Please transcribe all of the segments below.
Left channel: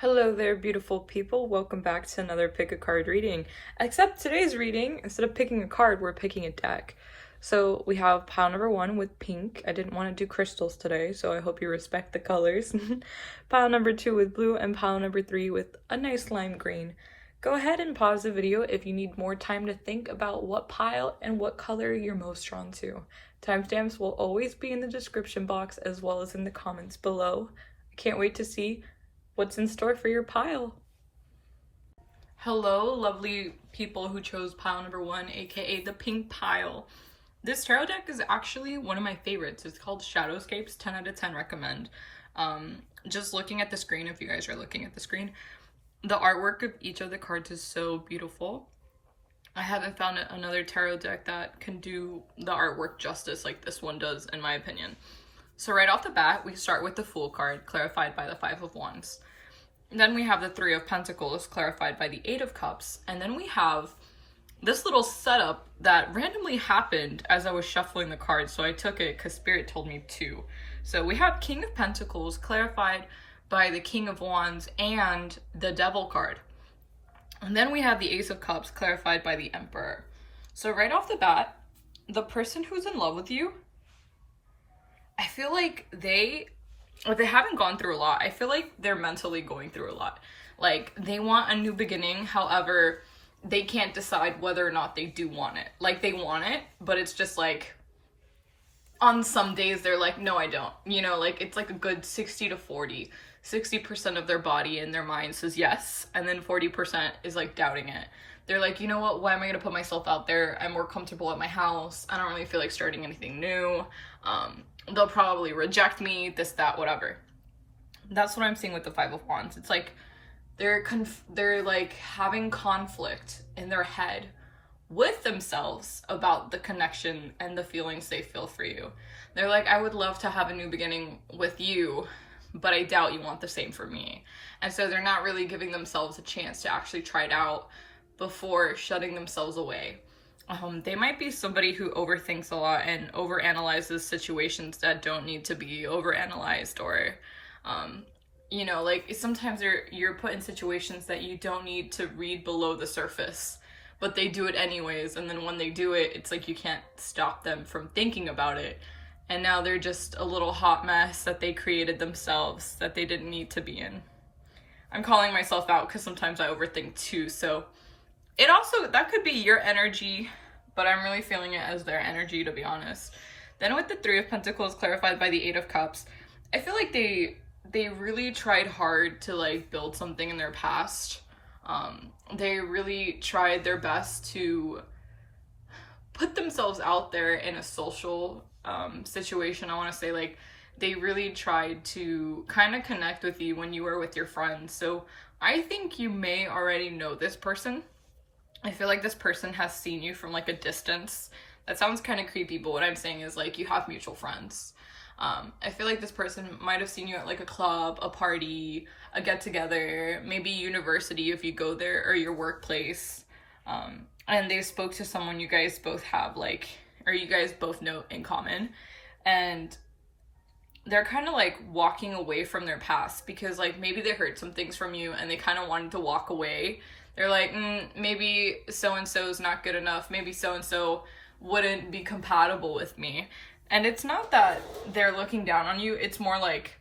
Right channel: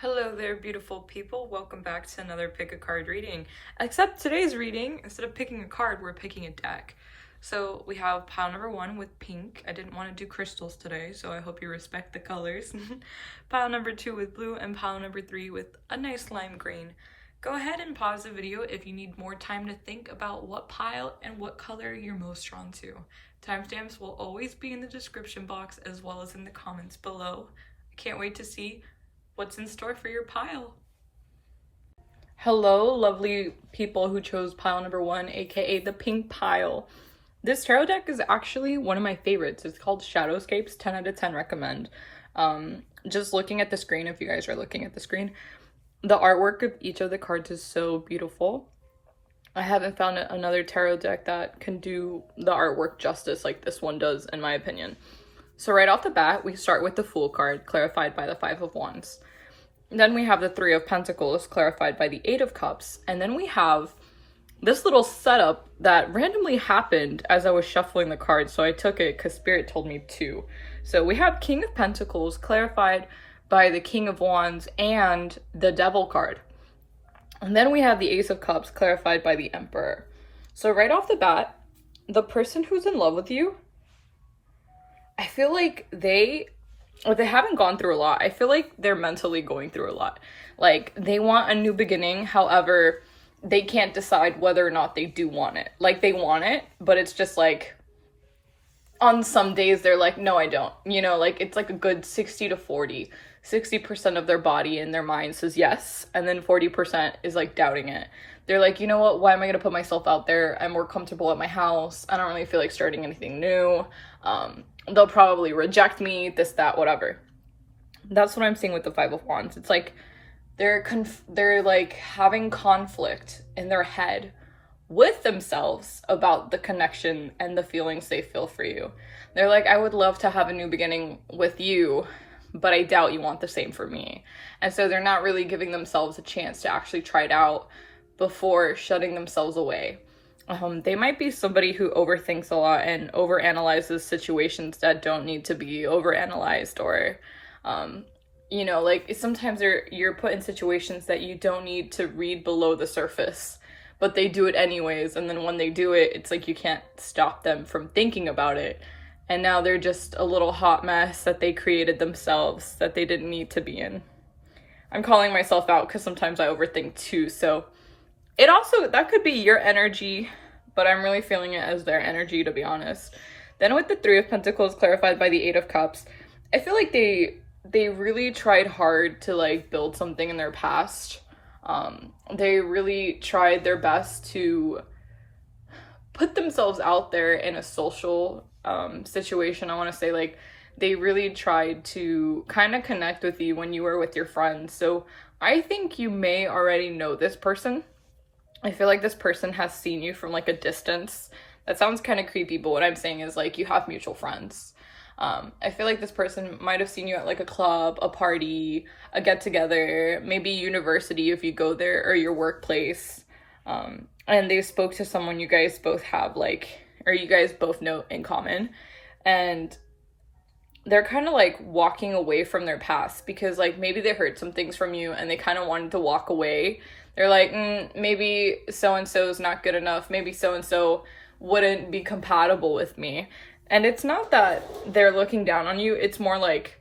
Hello there, beautiful people. Welcome back to another pick a card reading. Except today's reading, instead of picking a card, we're picking a deck. So we have pile number 1 with pink. I didn't want to do crystals today, so I hope you respect the colors. Pile number 2 with blue, and pile number 3 with a nice lime green. Go ahead and pause the video if you need more time to think about what pile and what color you're most drawn to. Timestamps will always be in the description box as well as in the comments below. I can't wait to see what's in store for your pile. Hello, lovely people who chose pile number 1, aka the pink pile. This tarot deck is actually one of my favorites. It's called Shadowscapes, 10 out of 10 recommend. Just looking at the screen, if you guys are looking at the screen, the artwork of each of the cards is so beautiful. I haven't found another tarot deck that can do the artwork justice like this one does, in my opinion. So right off the bat, we start with the Fool card, clarified by the 5 of Wands. Then we have the 3 of Pentacles, clarified by the 8 of Cups. And then we have this little setup that randomly happened as I was shuffling the cards, so I took it because Spirit told me to. So we have King of Pentacles, clarified by the King of Wands and the Devil card. And then we have the Ace of Cups, clarified by the Emperor. So right off the bat, the person who's in love with you, I feel like they haven't gone through a lot. I feel like they're mentally going through a lot. Like, they want a new beginning, however, they can't decide whether or not they do want it. Like, they want it, but it's just like, on some days they're like, no, I don't. You know, like, it's like a good 60 to 40. 60% of their body and their mind says yes, and then 40% is like doubting it. They're like, you know what, why am I gonna put myself out there? I'm more comfortable at my house. I don't really feel like starting anything new. They'll probably reject me, this, that, whatever. That's what I'm seeing with the 5 of Wands. It's like they're like having conflict in their head with themselves about the connection and the feelings they feel for you. They're like, I would love to have a new beginning with you, but I doubt you want the same for me. And so they're not really giving themselves a chance to actually try it out before shutting themselves away. They might be somebody who overthinks a lot and overanalyzes situations that don't need to be overanalyzed, or, you know, like sometimes you're put in situations that you don't need to read below the surface, but they do it anyways. And then when they do it, it's like you can't stop them from thinking about it. And now they're just a little hot mess that they created themselves that they didn't need to be in. I'm calling myself out because sometimes I overthink too, so it also, that could be your energy, but I'm really feeling it as their energy, to be honest. Then with the 3 of Pentacles, clarified by the 8 of Cups, I feel like they really tried hard to like build something in their past. They really tried their best to put themselves out there in a social situation. I want to say, like, they really tried to kind of connect with you when you were with your friends. So I think you may already know this person. I feel like this person has seen you from like a distance. That sounds kind of creepy, but what I'm saying is like you have mutual friends. I feel like this person might have seen you at like a club, a party, a get together, maybe university if you go there, or your workplace. And they spoke to someone you guys both have like, or you guys both know in common. And they're kind of like walking away from their past because like maybe they heard some things from you and they kind of wanted to walk away. They're like, maybe so-and-so is not good enough. Maybe so-and-so wouldn't be compatible with me. And it's not that they're looking down on you. It's more like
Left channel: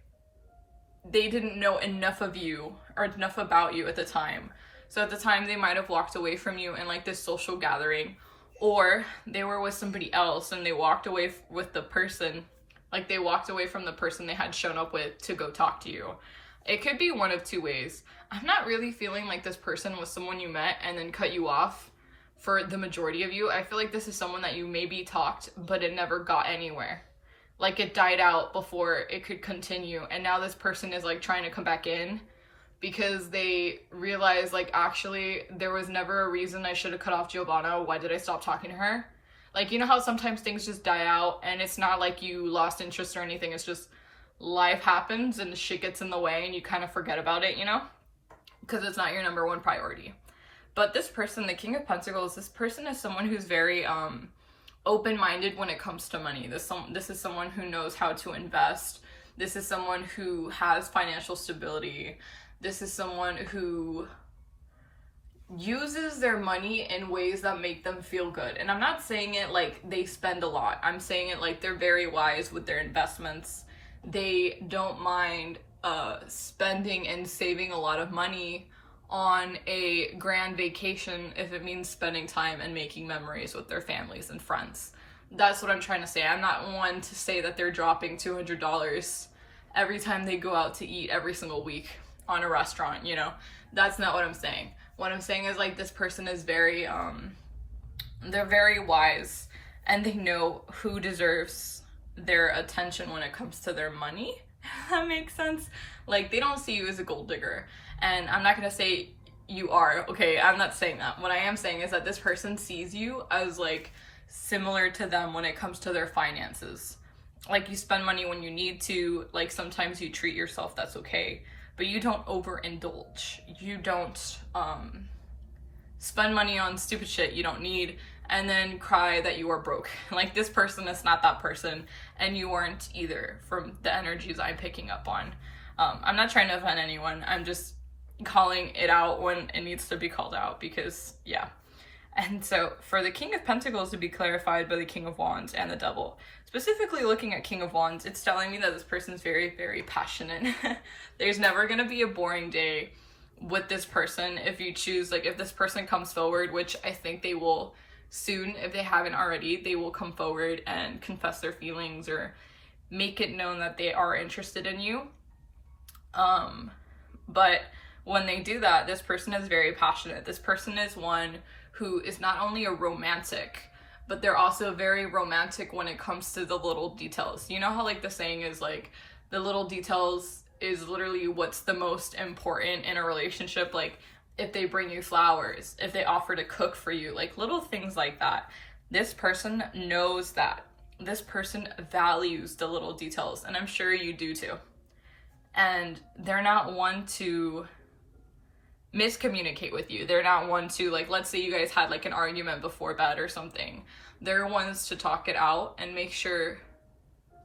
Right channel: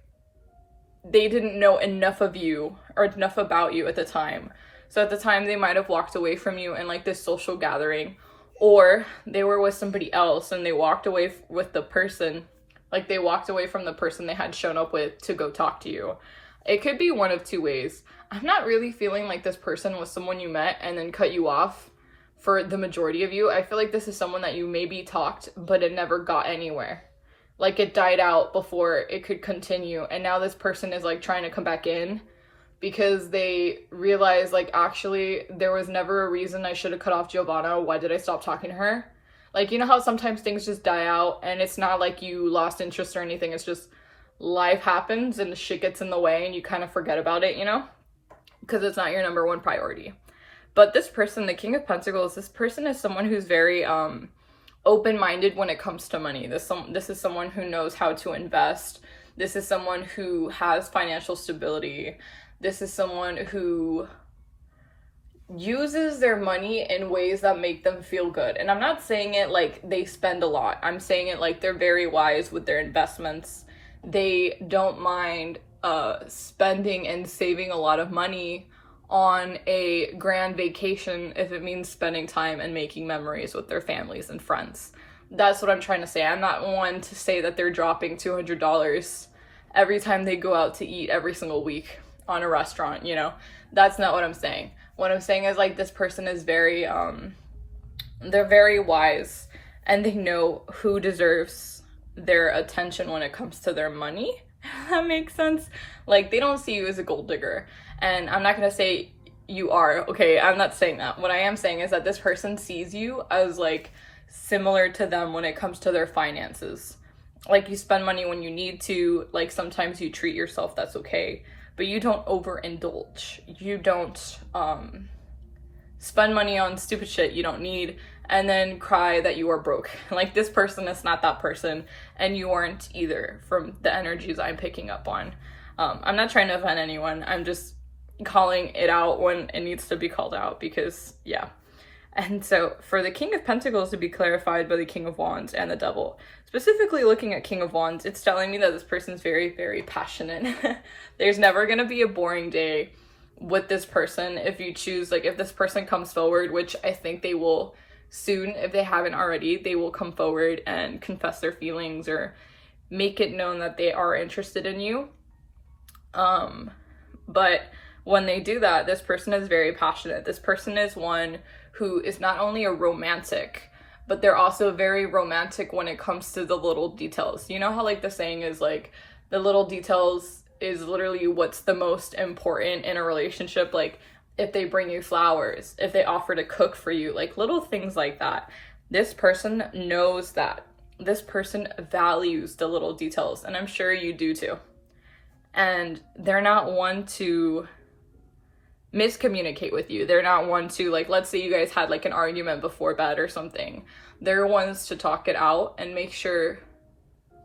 they didn't know enough of you or enough about you at the time. So at the time, they might have walked away from you in like this social gathering, or they were with somebody else and they walked away with the person. Like they walked away from the person they had shown up with to go talk to you. It could be one of two ways. I'm not really feeling like this person was someone you met and then cut you off for the majority of you. I feel like this is someone that you maybe talked, but it never got anywhere. Like it died out before it could continue. And now this person is like trying to come back in because they realize like, actually, there was never a reason I should have cut off Giovanna. Why did I stop talking to her? Like, you know how sometimes things just die out and it's not like you lost interest or anything. It's just life happens and shit gets in the way and you kind of forget about it, you know? Because it's not your number one priority. But this person, the King of Pentacles, this person is someone who's very open-minded when it comes to money. This is someone who knows how to invest. This is someone who has financial stability. This is someone who uses their money in ways that make them feel good. And I'm not saying it like they spend a lot. I'm saying it like they're very wise with their investments. They don't mind spending and saving a lot of money on a grand vacation if it means spending time and making memories with their families and friends. That's what I'm trying to say. I'm not one to say that they're dropping $200 every time they go out to eat every single week on a restaurant, you know? That's not what I'm saying. What I'm saying is like this person is very, they're very wise and they know who deserves their attention when it comes to their money. That makes sense. Like they don't see you as a gold digger. And I'm not going to say you are, okay? I'm not saying that. What I am saying is that this person sees you as like similar to them when it comes to their finances. Like you spend money when you need to, like sometimes you treat yourself, that's okay. But you don't overindulge. You don't spend money on stupid shit you don't need and then cry that you are broke. Like this person is not that person and you aren't either from the energies I'm picking up on. I'm not trying to offend anyone. I'm just calling it out when it needs to be called out because, yeah. And so for the King of Pentacles to be clarified by the King of Wands and the Devil, specifically looking at King of Wands, it's telling me that this person's very, very passionate. There's never going to be a boring day with this person if you choose, like if this person comes forward, which I think they will soon, if they haven't already, they will come forward and confess their feelings or make it known that they are interested in you. But when they do that, this person is very passionate. This person is one who is not only a romantic, but they're also very romantic when it comes to the little details. You know how like the saying is like the little details is literally what's the most important in a relationship. Like if they bring you flowers, if they offer to cook for you, like little things like that. This person knows that. This person values the little details, and I'm sure you do too. And they're not one to miscommunicate with you. They're not one to, like, let's say you guys had like an argument before bed or something. They're ones to talk it out and make sure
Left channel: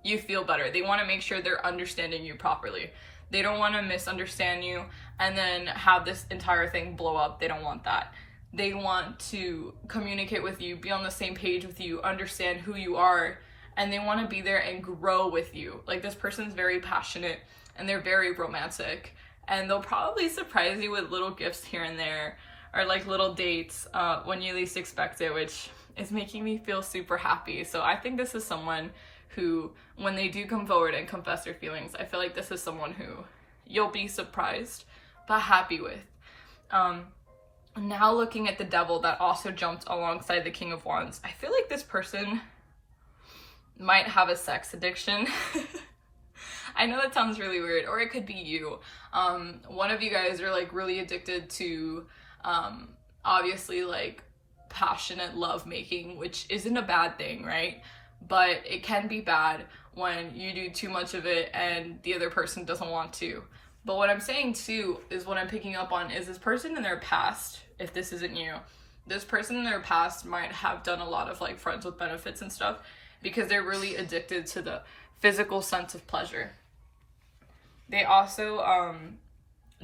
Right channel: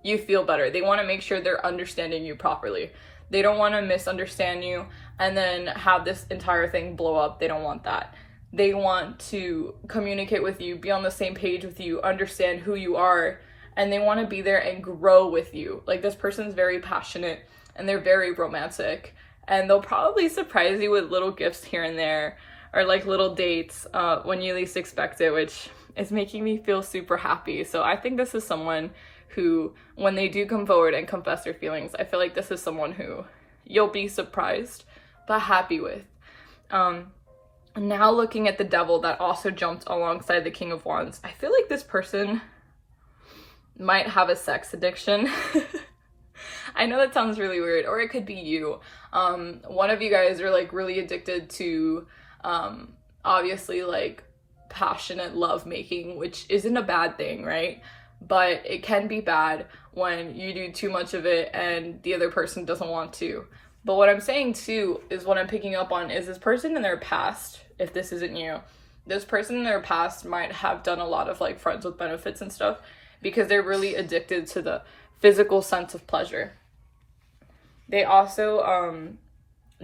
you feel better. They want to make sure they're understanding you properly. They don't want to misunderstand you and then have this entire thing blow up. They don't want that. They want to communicate with you, be on the same page with you, understand who you are, and they want to be there and grow with you. Like this person's very passionate and they're very romantic, and they'll probably surprise you with little gifts here and there or like little dates when you least expect it, which is making me feel super happy. So I think this is someone who, when they do come forward and confess their feelings, I feel like this is someone who you'll be surprised but happy with. Now looking at the Devil that also jumped alongside the King of Wands, I feel like this person might have a sex addiction. I know that sounds really weird, or it could be you. One of you guys are like really addicted to obviously like passionate love making, which isn't a bad thing, right? But it can be bad when you do too much of it and the other person doesn't want to. But what I'm saying too is what I'm picking up on is this person in their past, if this isn't you, this person in their past might have done a lot of like friends with benefits and stuff because they're really addicted to the physical sense of pleasure. They also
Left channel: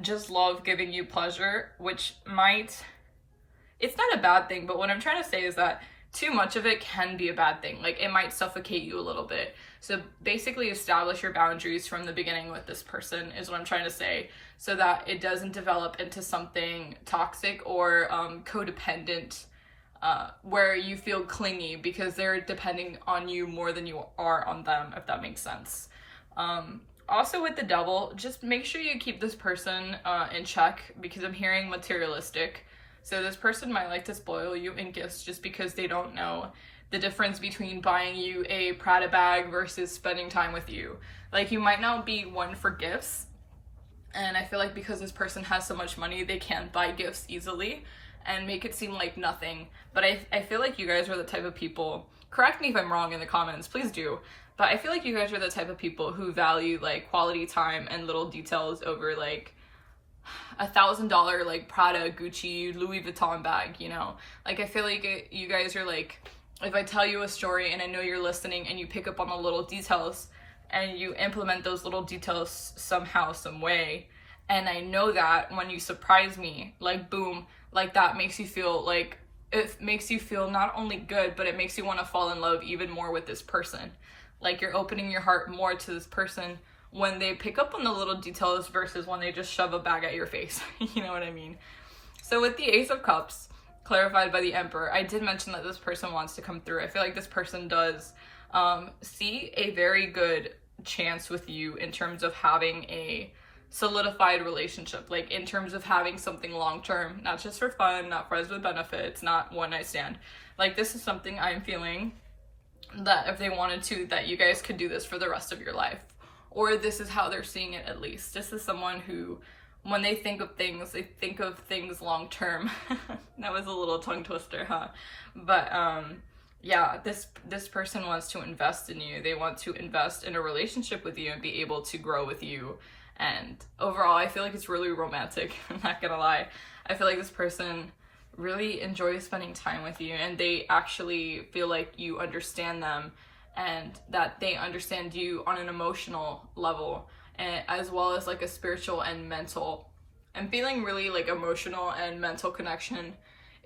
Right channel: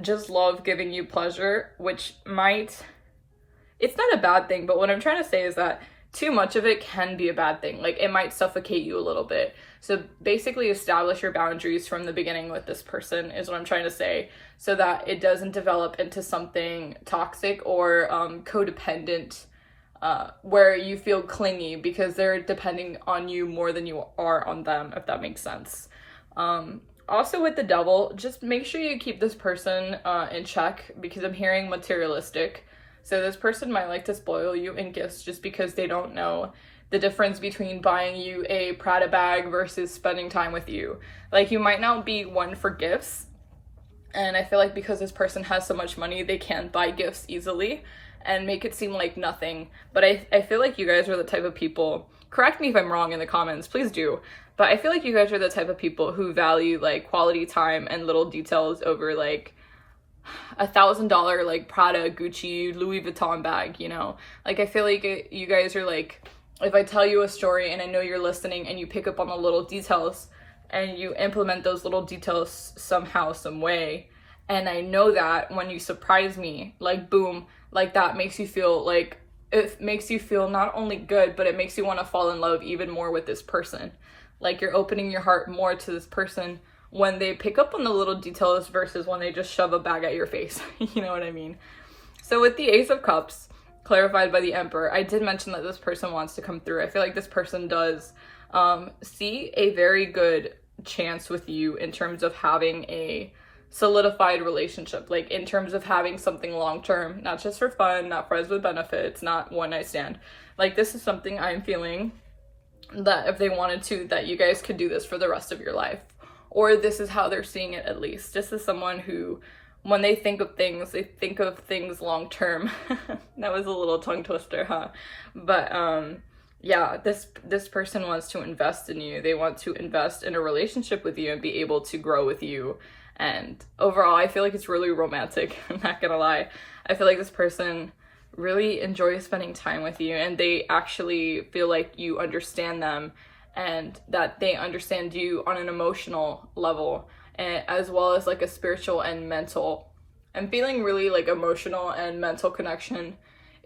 just love giving you pleasure, which might, it's not a bad thing, but what I'm trying to say is that too much of it can be a bad thing. Like it might suffocate you a little bit. So basically establish your boundaries from the beginning with this person is what I'm trying to say, so that it doesn't develop into something toxic or codependent where you feel clingy because they're depending on you more than you are on them, if that makes sense. Also with the Devil, just make sure you keep this person in check because I'm hearing materialistic. So this person might like to spoil you in gifts just because they don't know the difference between buying you a Prada bag versus spending time with you. Like you might not be one for gifts. And I feel like because this person has so much money, they can't buy gifts easily and make it seem like nothing. But I feel like you guys are the type of people, correct me if I'm wrong in the comments, please do. But I feel like you guys are the type of people who value like quality time and little details over like $1,000 like Prada, Gucci, Louis Vuitton bag, you know? Like I feel like you guys are like, if I tell you a story and I know you're listening and you pick up on the little details and you implement those little details somehow, some way, And I know that when you surprise me, like boom, like that makes you feel like, it makes you feel not only good, but it makes you want to fall in love even more with this person. Like you're opening your heart more to this person when they pick up on the little details versus when they just shove a bag at your face. You know what I mean? So with the Ace of Cups, clarified by the Emperor, I did mention that this person wants to come through. I feel like this person does see a very good chance with you in terms of having a solidified relationship, like in terms of having something long-term, not just for fun, not friends with benefits, not one night stand. Like this is something I'm feeling that if they wanted to, that you guys could do this for the rest of your life, or this is how they're seeing it. At least this is someone who, when they think of things, they think of things long-term. That was a little tongue twister, huh? But yeah, this person wants to invest in you. They want to invest in a relationship with you and be able to grow with you. And overall, I feel like it's really romantic. I'm not gonna lie. I feel like this person really enjoys spending time with you, and they actually feel like you understand them and that they understand you on an emotional level, and as well as like a spiritual and mental. I'm feeling really like emotional and mental connection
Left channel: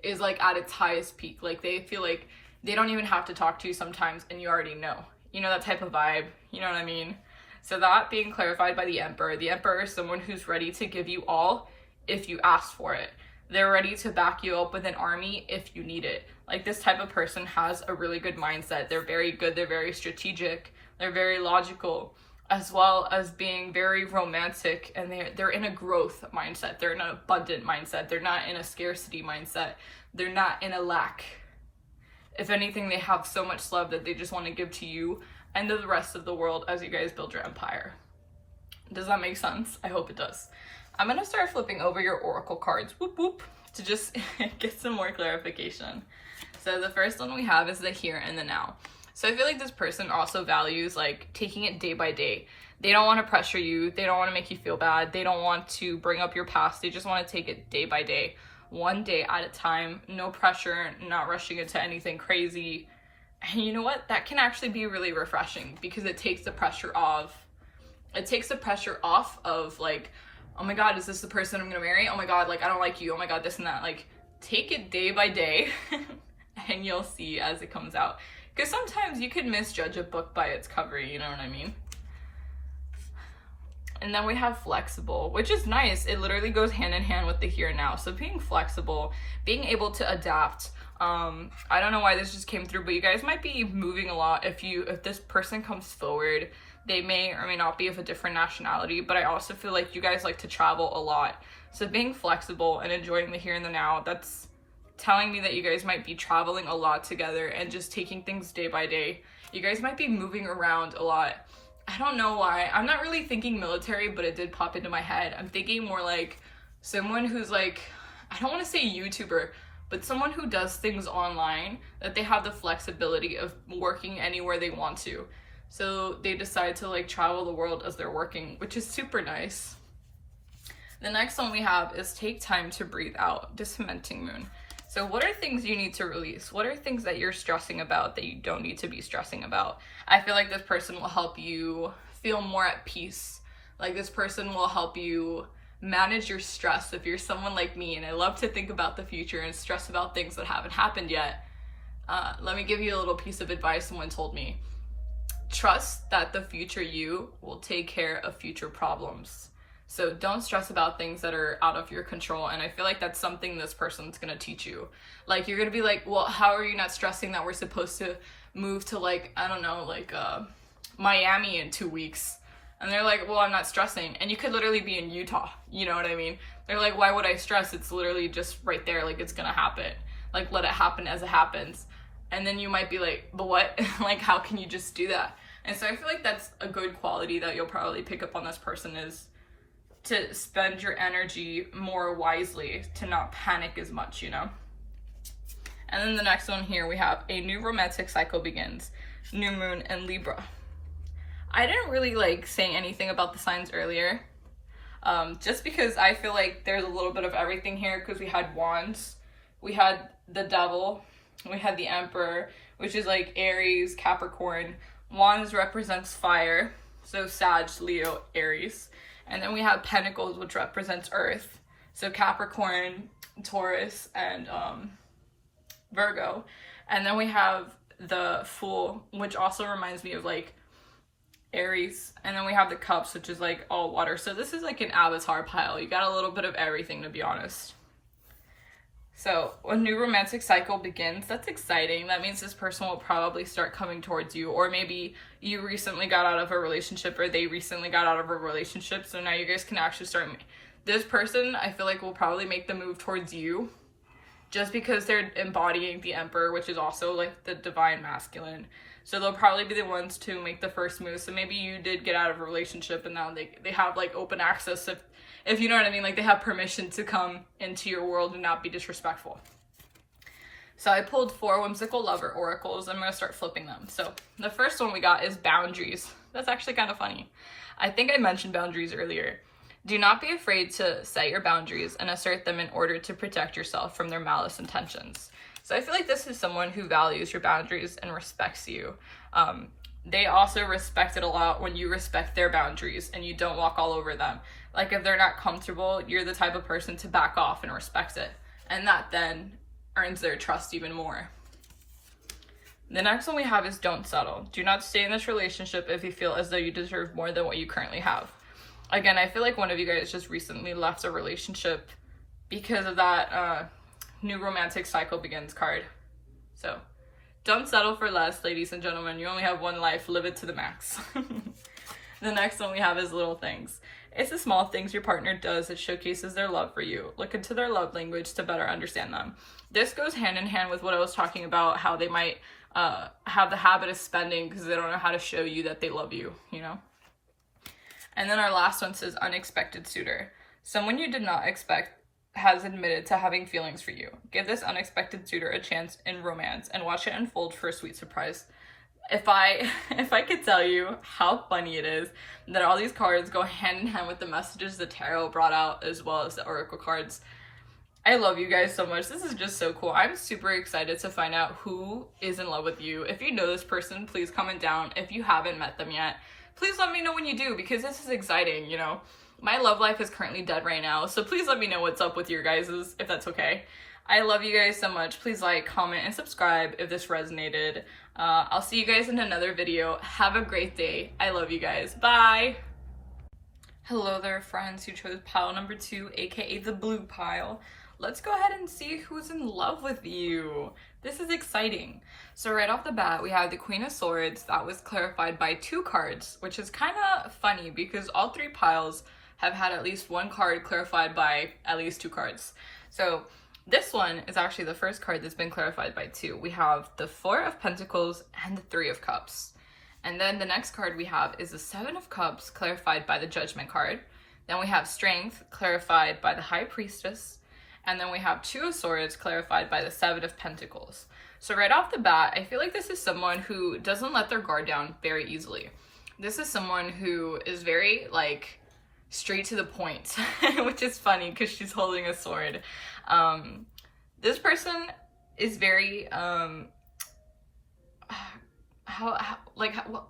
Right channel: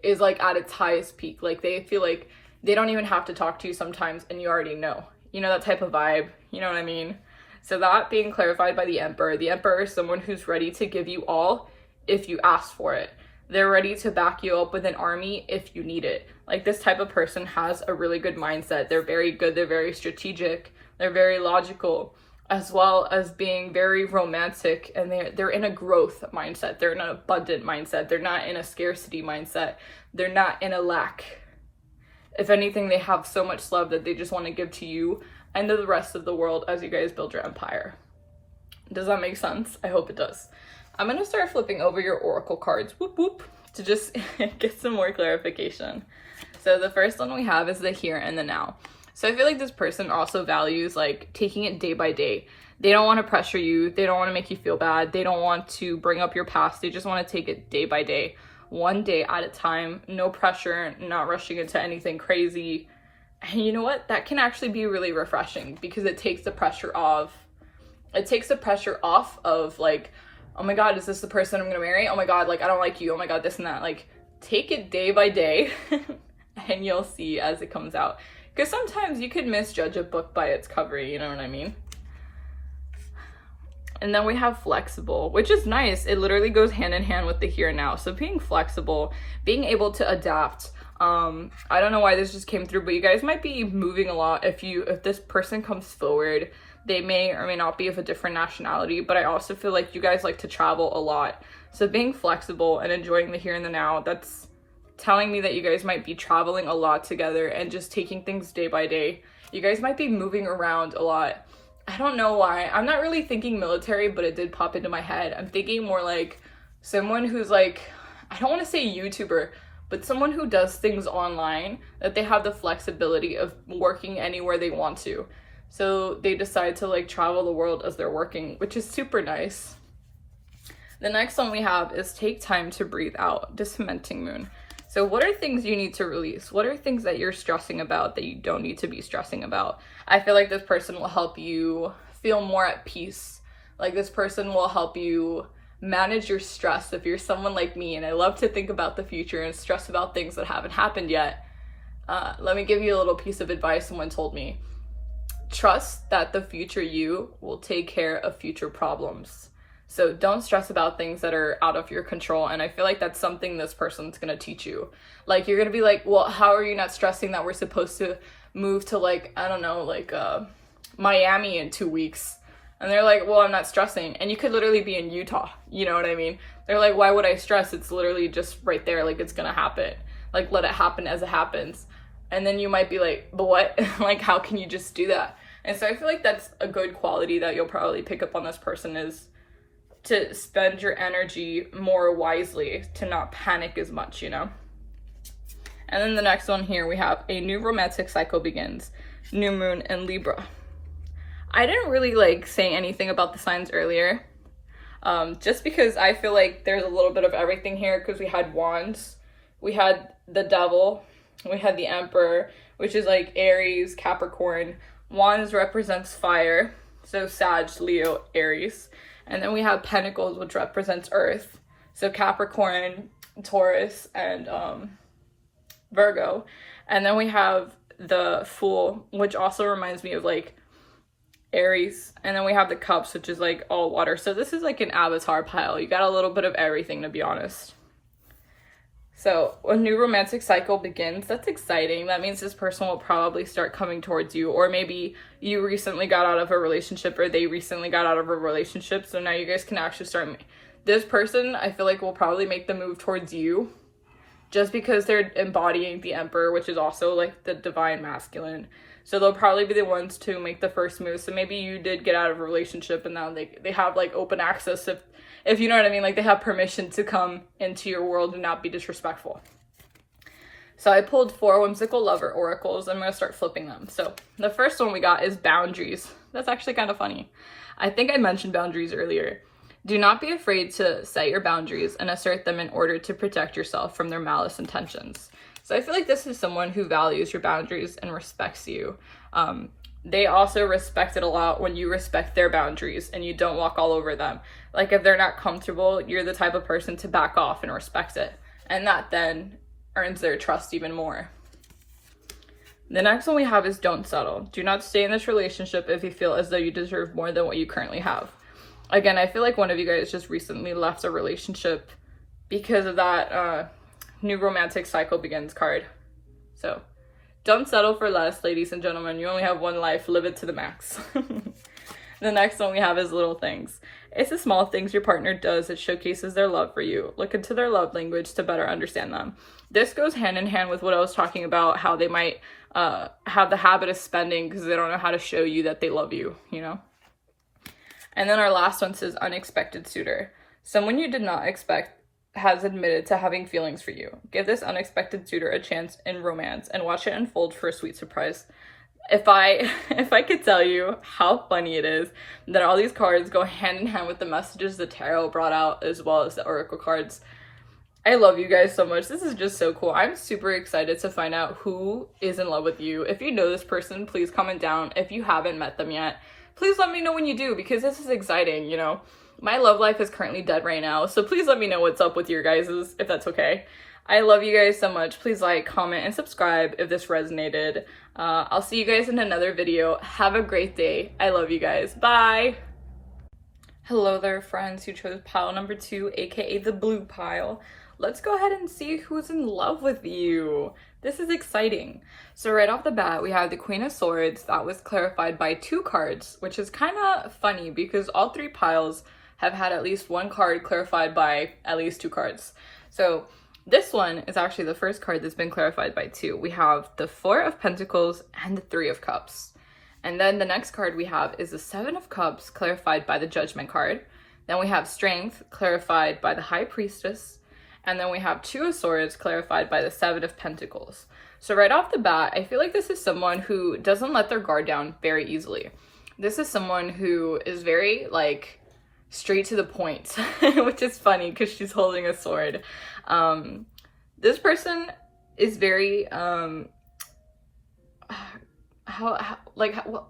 is like at its highest peak. Like they feel like they don't even have to talk to you sometimes and you already know. You know, that type of vibe. You know what I mean? So that being clarified by the Emperor is someone who's ready to give you all if you ask for it. They're ready to back you up with an army if you need it. Like this type of person has a really good mindset. They're very good. They're very strategic. They're very logical, as well as being very romantic. And they're in a growth mindset. They're in an abundant mindset. They're not in a scarcity mindset. They're not in a lack. If anything, they have so much love that they just want to give to you and to the rest of the world as you guys build your empire. Does that make sense? I hope it does. I'm gonna start flipping over your oracle cards, whoop whoop, to just get some more clarification. So the first one we have is the here and the now. So I feel like this person also values like taking it day by day. They don't want to pressure you. They don't want to make you feel bad. They don't want to bring up your past. They just want to take it day by day, one day at a time, no pressure, not rushing into anything crazy. And you know what? That can actually be really refreshing because it takes the pressure off. It takes the pressure off of like, oh my God, is this the person I'm gonna marry? Oh my God, like I don't like you. Oh my God, this and that. Like take it day by day and you'll see as it comes out. Because sometimes you could misjudge a book by its cover, you know what I mean? And then we have flexible, which is nice. It literally goes hand in hand with the here and now. So being flexible, being able to adapt. I don't know why this just came through, but you guys might be moving a lot. If this person comes forward, they may or may not be of a different nationality, but I also feel like you guys like to travel a lot. So being flexible and enjoying the here and the now, that's telling me that you guys might be traveling a lot together and just taking things day by day. You guys might be moving around a lot. I don't know why. I'm not really thinking military, but it did pop into my head. I'm thinking more like someone who's like, I don't want to say YouTuber, but someone who does things online, that they have the flexibility of working anywhere they want to. So they decide to like travel the world as they're working, which is super nice. The next one we have is take time to breathe out, dismenting moon. So what are things you need to release? What are things that you're stressing about that you don't need to be stressing about? I feel like this person will help you feel more at peace. Like this person will help you manage your stress. If you're someone like me and I love to think about the future and stress about things that haven't happened yet, let me give you a little piece of advice someone told me. Trust that the future you will take care of future problems. So don't stress about things that are out of your control. And I feel like that's something this person's gonna teach you. Like you're gonna be like, well, how are you not stressing that we're supposed to move to like, I don't know, like Miami in 2 weeks? And they're like, well, I'm not stressing. And you could literally be in Utah, you know what I mean? They're like, why would I stress? It's literally just right there, like it's gonna happen. Like let it happen as it happens. And then you might be like, but what? Like how can you just do that? And so I feel like that's a good quality that you'll probably pick up on this person, is to spend your energy more wisely, to not panic as much, you know? And then the next one here, we have a new romantic cycle begins, new moon in Libra. I didn't really like say anything about the signs earlier, just because I feel like there's a little bit of everything here, because we had wands, we had the devil, we had the emperor, which is like Aries, Capricorn. Wands represents fire, so Sag, Leo, Aries. And then we have Pentacles, which represents Earth. So Capricorn, Taurus, and Virgo. And then we have the Fool, which also reminds me of like Aries. And then we have the Cups, which is like all water. So this is like an avatar pile. You got a little bit of everything, to be honest. So a new romantic cycle begins. That's exciting. That means this person will probably start coming towards you, or maybe you recently got out of a relationship, or they recently got out of a relationship. So now you guys can actually start. This person, I feel like, will probably make the move towards you just because they're embodying the Emperor, which is also like the divine masculine. So they'll probably be the ones to make the first move. So maybe you did get out of a relationship and now they have like open access, if you know what I mean, like they have permission to come into your world and not be disrespectful. So I pulled 4 Whimsical Lover Oracles. I'm going to start flipping them. So the first one we got is boundaries. That's actually kind of funny. I think I mentioned boundaries earlier. Do not be afraid to set your boundaries and assert them in order to protect yourself from their malice intentions. So I feel like this is someone who values your boundaries and respects you. They also respect it a lot when you respect their boundaries and you don't walk all over them. Like if they're not comfortable, you're the type of person to back off and respect it. And that then earns their trust even more. The next one we have is don't settle. Do not stay in this relationship if you feel as though you deserve more than what you currently have. Again, I feel like one of you guys just recently left a relationship because of that new romantic cycle begins card. So don't settle for less, ladies and gentlemen. You only have one life. Live it to the max. The next one we have is little things. It's the small things your partner does that showcases their love for you. Look into their love language to better understand them. This goes hand in hand with what I was talking about, how they might have the habit of spending because they don't know how to show you that they love you, you know? And then our last one says unexpected suitor. Someone you did not expect has admitted to having feelings for you. Give this unexpected suitor a chance in romance and watch it unfold for a sweet surprise. If I could tell you how funny it is that all these cards go hand in hand with the messages the tarot brought out as well as the oracle cards. I love you guys so much. This is just so cool. I'm super excited to find out who is in love with you. If you know this person, please comment down. If you haven't met them yet, please let me know when you do, because this is exciting, you know. My love life is currently dead right now, so please let me know what's up with your guys's, if that's okay. I love you guys so much. Please like, comment, and subscribe if this resonated. I'll see you guys in another video. Have a great day. I love you guys. Bye! Hello there, friends who chose pile number 2, aka the blue pile. Let's go ahead and see who's in love with you. This is exciting. So right off the bat, we have the Queen of Swords. That was clarified by 2 cards, which is kind of funny because all 3 piles have had at least 1 card clarified by at least 2 cards. So this one is actually the first card that's been clarified by 2. We have the 4 of Pentacles and the 3 of Cups. And then the next card we have is the 7 of Cups clarified by the Judgment card. Then we have Strength clarified by the High Priestess. And then we have 2 of Swords clarified by the 7 of Pentacles. So right off the bat, I feel like this is someone who doesn't let their guard down very easily. This is someone who is very, like, straight to the point, which is funny because she's holding a sword. This person is very,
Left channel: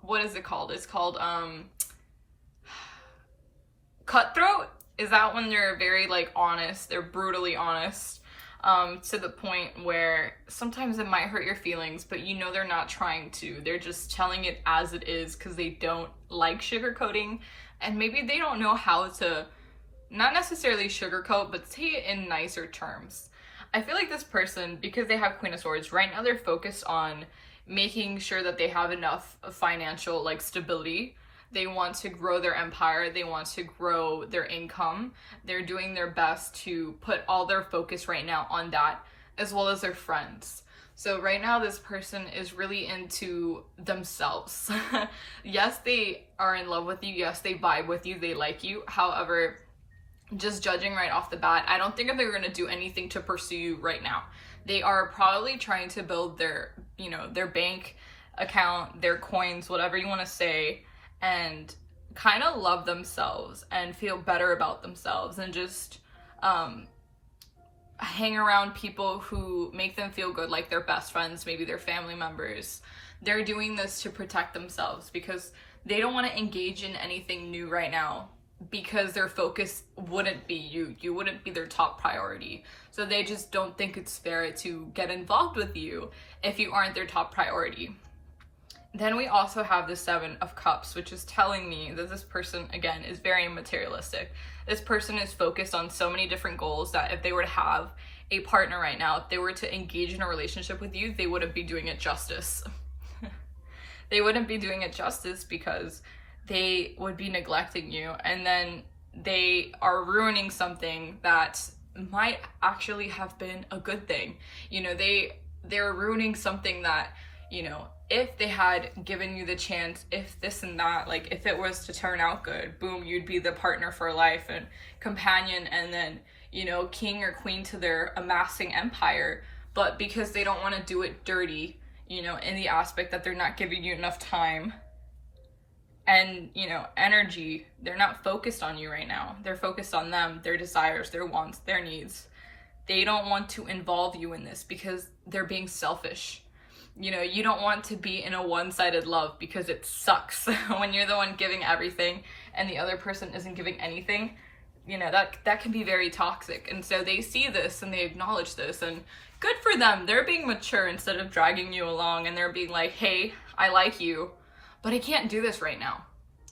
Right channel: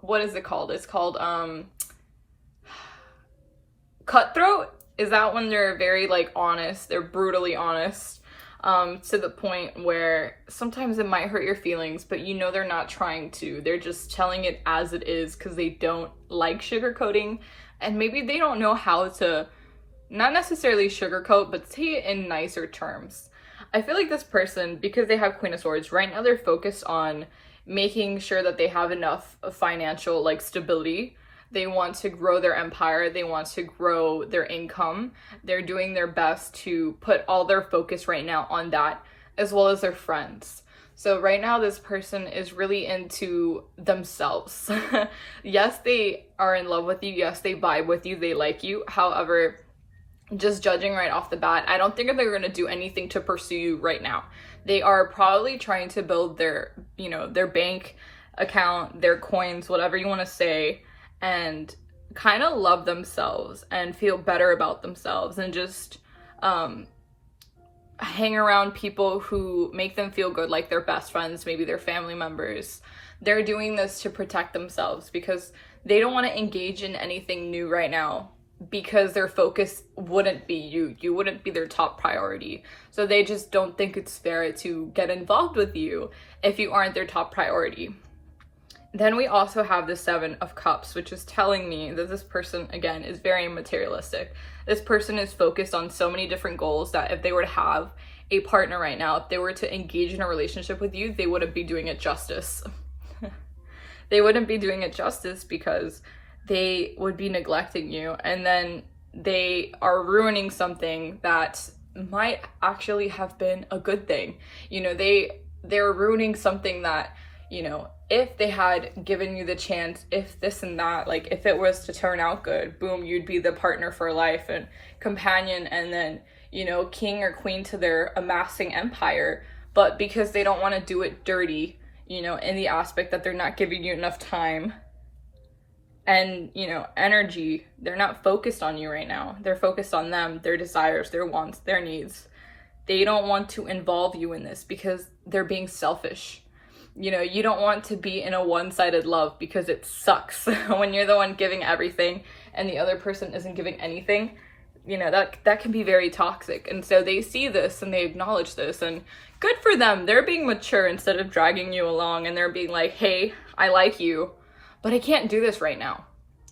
what is it called? It's called, cutthroat. Is that when they're very, like, honest? They're brutally honest. To the point where sometimes it might hurt your feelings, but you know they're not trying to. They're just telling it as it is because they don't like sugarcoating, and maybe they don't know how to, not necessarily sugarcoat, but say it in nicer terms. I feel like this person, because they have Queen of Swords, right now they're focused on making sure that they have enough financial, like, stability. They want to grow their empire. They want to grow their income. They're doing their best to put all their focus right now on that, as well as their friends. So right now, this person is really into themselves. Yes, they are in love with you. Yes, they vibe with you. They like you. However, just judging right off the bat, I don't think they're going to do anything to pursue you right now. They are probably trying to build their, you know, their bank account, their coins, whatever you want to say, and kind of love themselves and feel better about themselves and just hang around people who make them feel good, like their best friends, maybe their family members. They're doing this to protect themselves because they don't want to engage in anything new right now because their focus wouldn't be you. You wouldn't be their top priority. So they just don't think it's fair to get involved with you if you aren't their top priority. Then we also have the Seven of Cups, which is telling me that this person, again, is very materialistic. This person is focused on so many different goals that if they were to have a partner right now, if they were to engage in a relationship with you, they wouldn't be doing it justice. They wouldn't be doing it justice because they would be neglecting you, and then they are ruining something that might actually have been a good thing. You know, they're ruining something that, you know, if they had given you the chance, if this and that, like if it was to turn out good, boom, you'd be the partner for life and companion, and then, you know, king or queen to their amassing empire. But because they don't want to do it dirty, you know, in the aspect that they're not giving you enough time and, you know, energy, they're not focused on you right now. They're focused on them, their desires, their wants, their needs. They don't want to involve you in this because they're being selfish. You know, you don't want to be in a one-sided love because it sucks when you're the one giving everything and the other person isn't giving anything. You know, that can be very toxic. And so they see this and they acknowledge this, and good for them. They're being mature instead of dragging you along, and they're being like, hey, I like you, but I can't do this right now,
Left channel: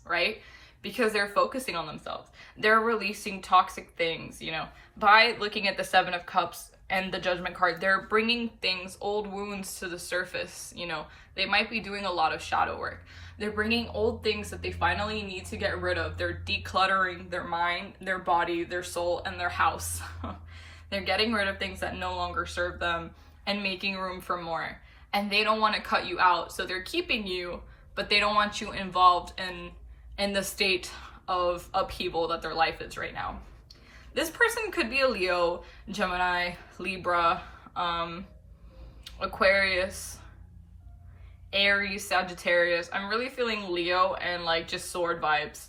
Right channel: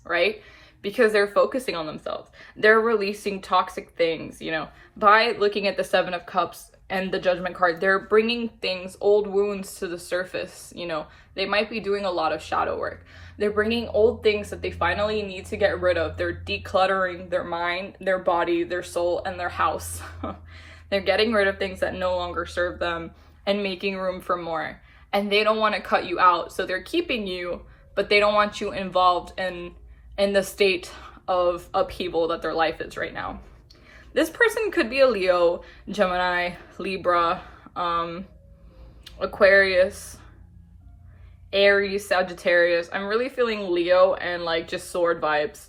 right? Because they're focusing on themselves. They're releasing toxic things, you know, by looking at the Seven of Cups and the Judgment card. They're bringing things, old wounds to the surface, you know. They might be doing a lot of shadow work. They're bringing old things that they finally need to get rid of. They're decluttering their mind, their body, their soul, and their house. They're getting rid of things that no longer serve them and making room for more. And they don't want to cut you out, so they're keeping you, but they don't want you involved in the state of upheaval that their life is right now. This person could be a Leo, Gemini, Libra, Aquarius, Aries, Sagittarius. I'm really feeling Leo and like just sword vibes.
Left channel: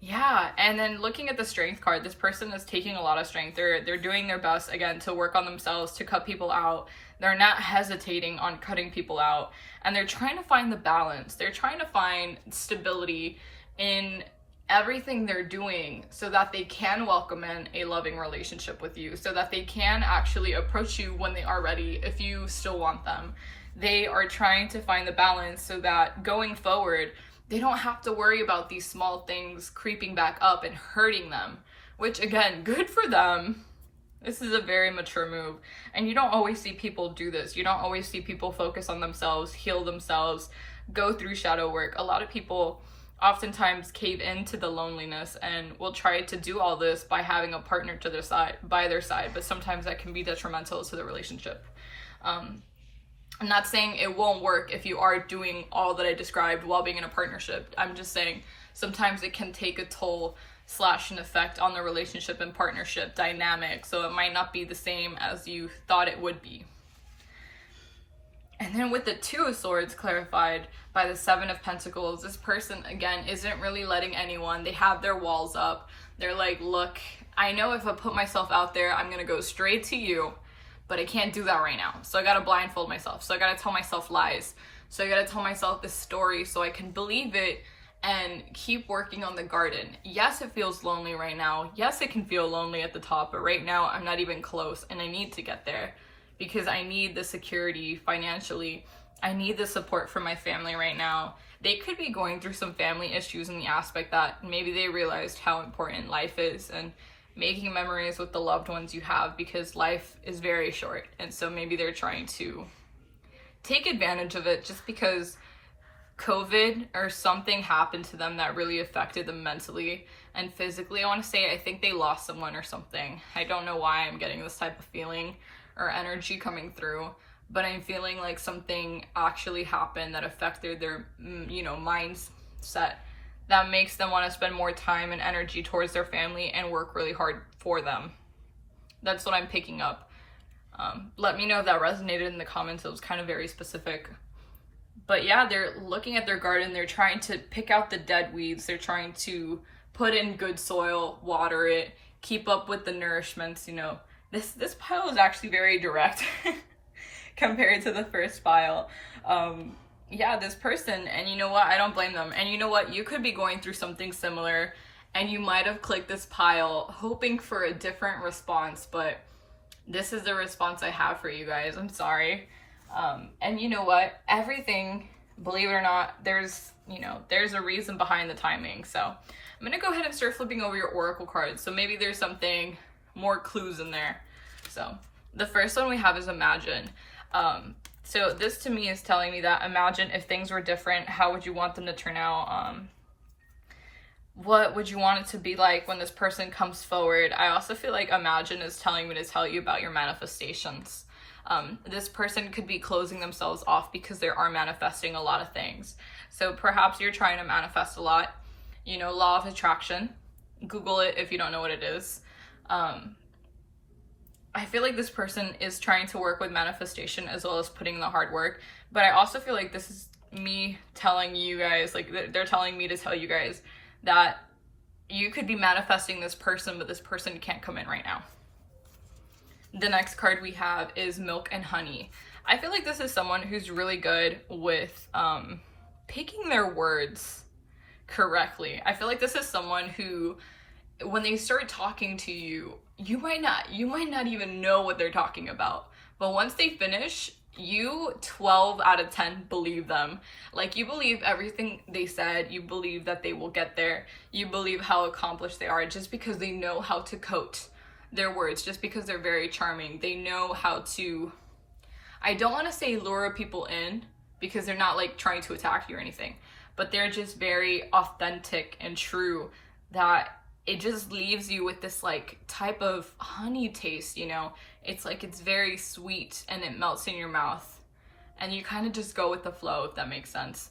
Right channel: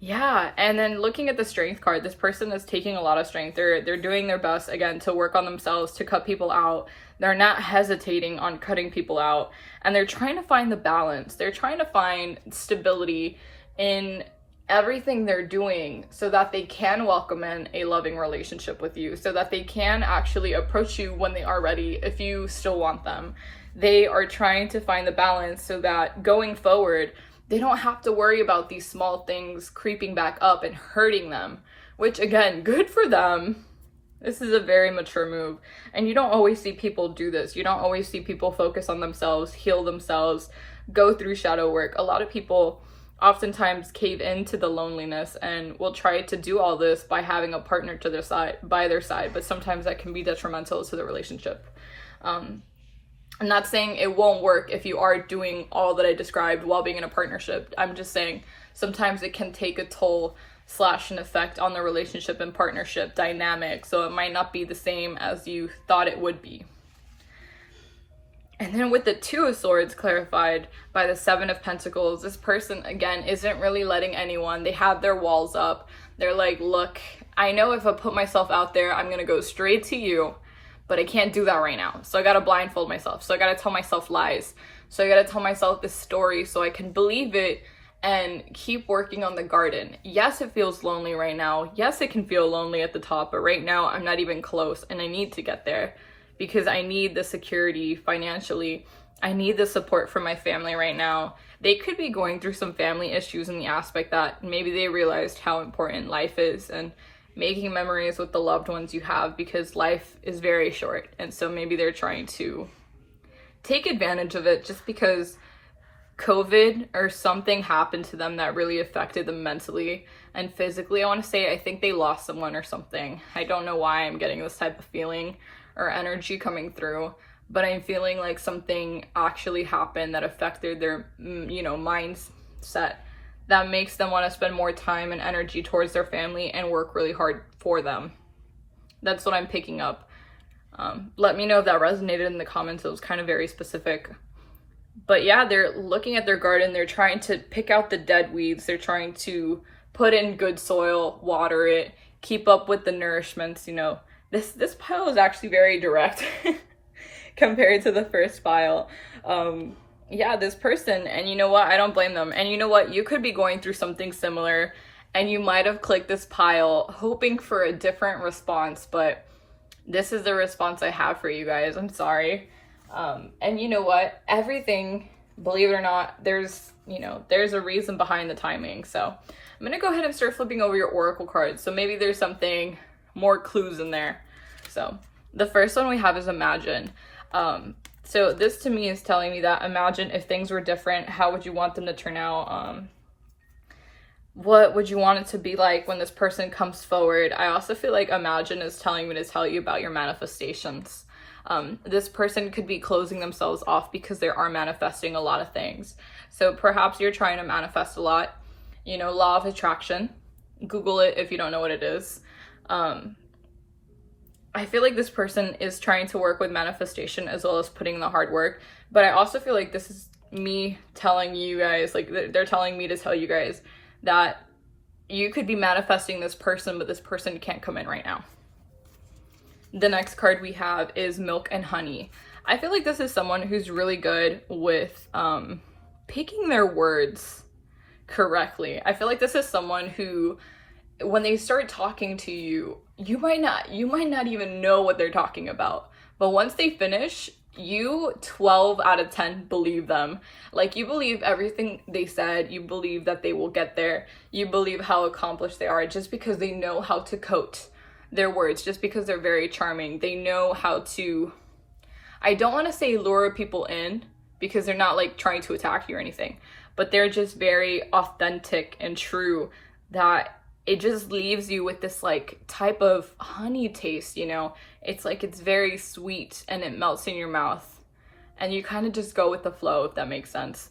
Yeah, and then looking at the Strength card, this person is taking a lot of strength. They're doing their best, again, to work on themselves, to cut people out. They're not hesitating on cutting people out, and they're trying to find the balance. They're trying to find stability in everything they're doing so that they can welcome in a loving relationship with you, so that they can actually approach you when they are ready if you still want them. They are trying to find the balance so that going forward, they don't have to worry about these small things creeping back up and hurting them, which again, good for them. This is a very mature move. And you don't always see people do this. You don't always see people focus on themselves, heal themselves, go through shadow work. A lot of people oftentimes cave into the loneliness and will try to do all this by having a partner to their side, by their side, but sometimes that can be detrimental to the relationship. I'm not saying it won't work if you are doing all that I described while being in a partnership. I'm just saying sometimes it can take a toll / an effect on the relationship and partnership dynamic, so it might not be the same as you thought it would be. And then with the Two of Swords clarified by the Seven of Pentacles, this person, again, isn't really letting anyone. They have their walls up. They're like, look, I know if I put myself out there, I'm going to go straight to you, but I can't do that right now. So I got to blindfold myself. So I got to tell myself lies. So I got to tell myself this story so I can believe it and keep working on the garden. Yes, it feels lonely right now. Yes, it can feel lonely at the top, but right now I'm not even close, and I need to get there because I need the security financially. I need the support from my family right now. They could be going through some family issues in the aspect that maybe they realized how important life is and making memories with the loved ones you have, because life is very short. And so maybe they're trying to take advantage of it just because COVID or something happened to them that really affected them mentally and physically. I want to say I think they lost someone or something. I don't know why I'm getting this type of feeling or energy coming through, but I'm feeling like something actually happened that affected their, mindset, that makes them want to spend more time and energy towards their family and work really hard for them. That's what I'm picking up. Let me know if that resonated in the comments. It was kind of very specific. But yeah, they're looking at their garden. They're trying to pick out the dead weeds. They're trying to put in good soil, water it, keep up with the nourishments. This pile is actually very direct compared to the first pile. yeah, this person, and you know what? I don't blame them. And you know what? You could be going through something similar, and you might have clicked this pile hoping for a different response, but this is the response I have for you guys. I'm sorry. And you know what? Everything, believe it or not, there's a reason behind the timing. So I'm gonna go ahead and start flipping over your oracle cards. So maybe there's something more clues in there. So the first one we have is imagine. So this to me is telling me that imagine if things were different, how would you want them to turn out? What would you want it to be like when this person comes forward? I also feel like imagine is telling me to tell you about your manifestations. This person could be closing themselves off because they are manifesting a lot of things. So perhaps you're trying to manifest a lot. Law of attraction. Google it if you don't know what it is. I feel like this person is trying to work with manifestation as well as putting in the hard work. But I also feel like this is me telling you guys, like they're telling me to tell you guys that you could be manifesting this person, but this person can't come in right now. The next card we have is milk and honey. I feel like this is someone who's really good with picking their words correctly. I feel like this is someone who, when they start talking to you, you might not even know what they're talking about. But once they finish, you 12 out of 10 believe them. Like, you believe everything they said. You believe that they will get there. You believe how accomplished they are just because they know how to coat their words, just because they're very charming. They know how to, I don't want to say lure people in because they're not like trying to attack you or anything, but they're just very authentic and true, that it just leaves you with this like type of honey taste, It's like, it's very sweet and it melts in your mouth and you kind of just go with the flow, if that makes sense.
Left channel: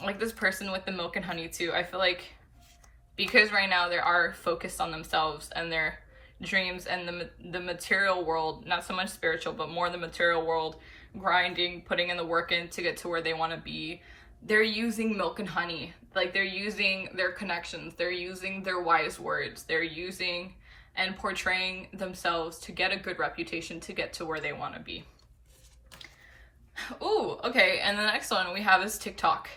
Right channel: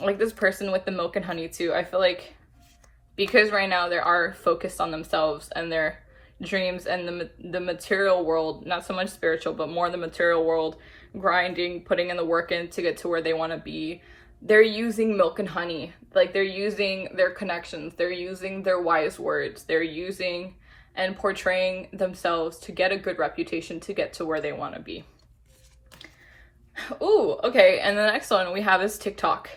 Like this person with the milk and honey too, I feel like because right now they are focused on themselves and their dreams and the material world, not so much spiritual, but more the material world, grinding, putting in the work in to get to where they want to be. They're using milk and honey. Like, they're using their connections. They're using their wise words. They're using and portraying themselves to get a good reputation, to get to where they want to be. Ooh, okay. And the next one we have is TikTok.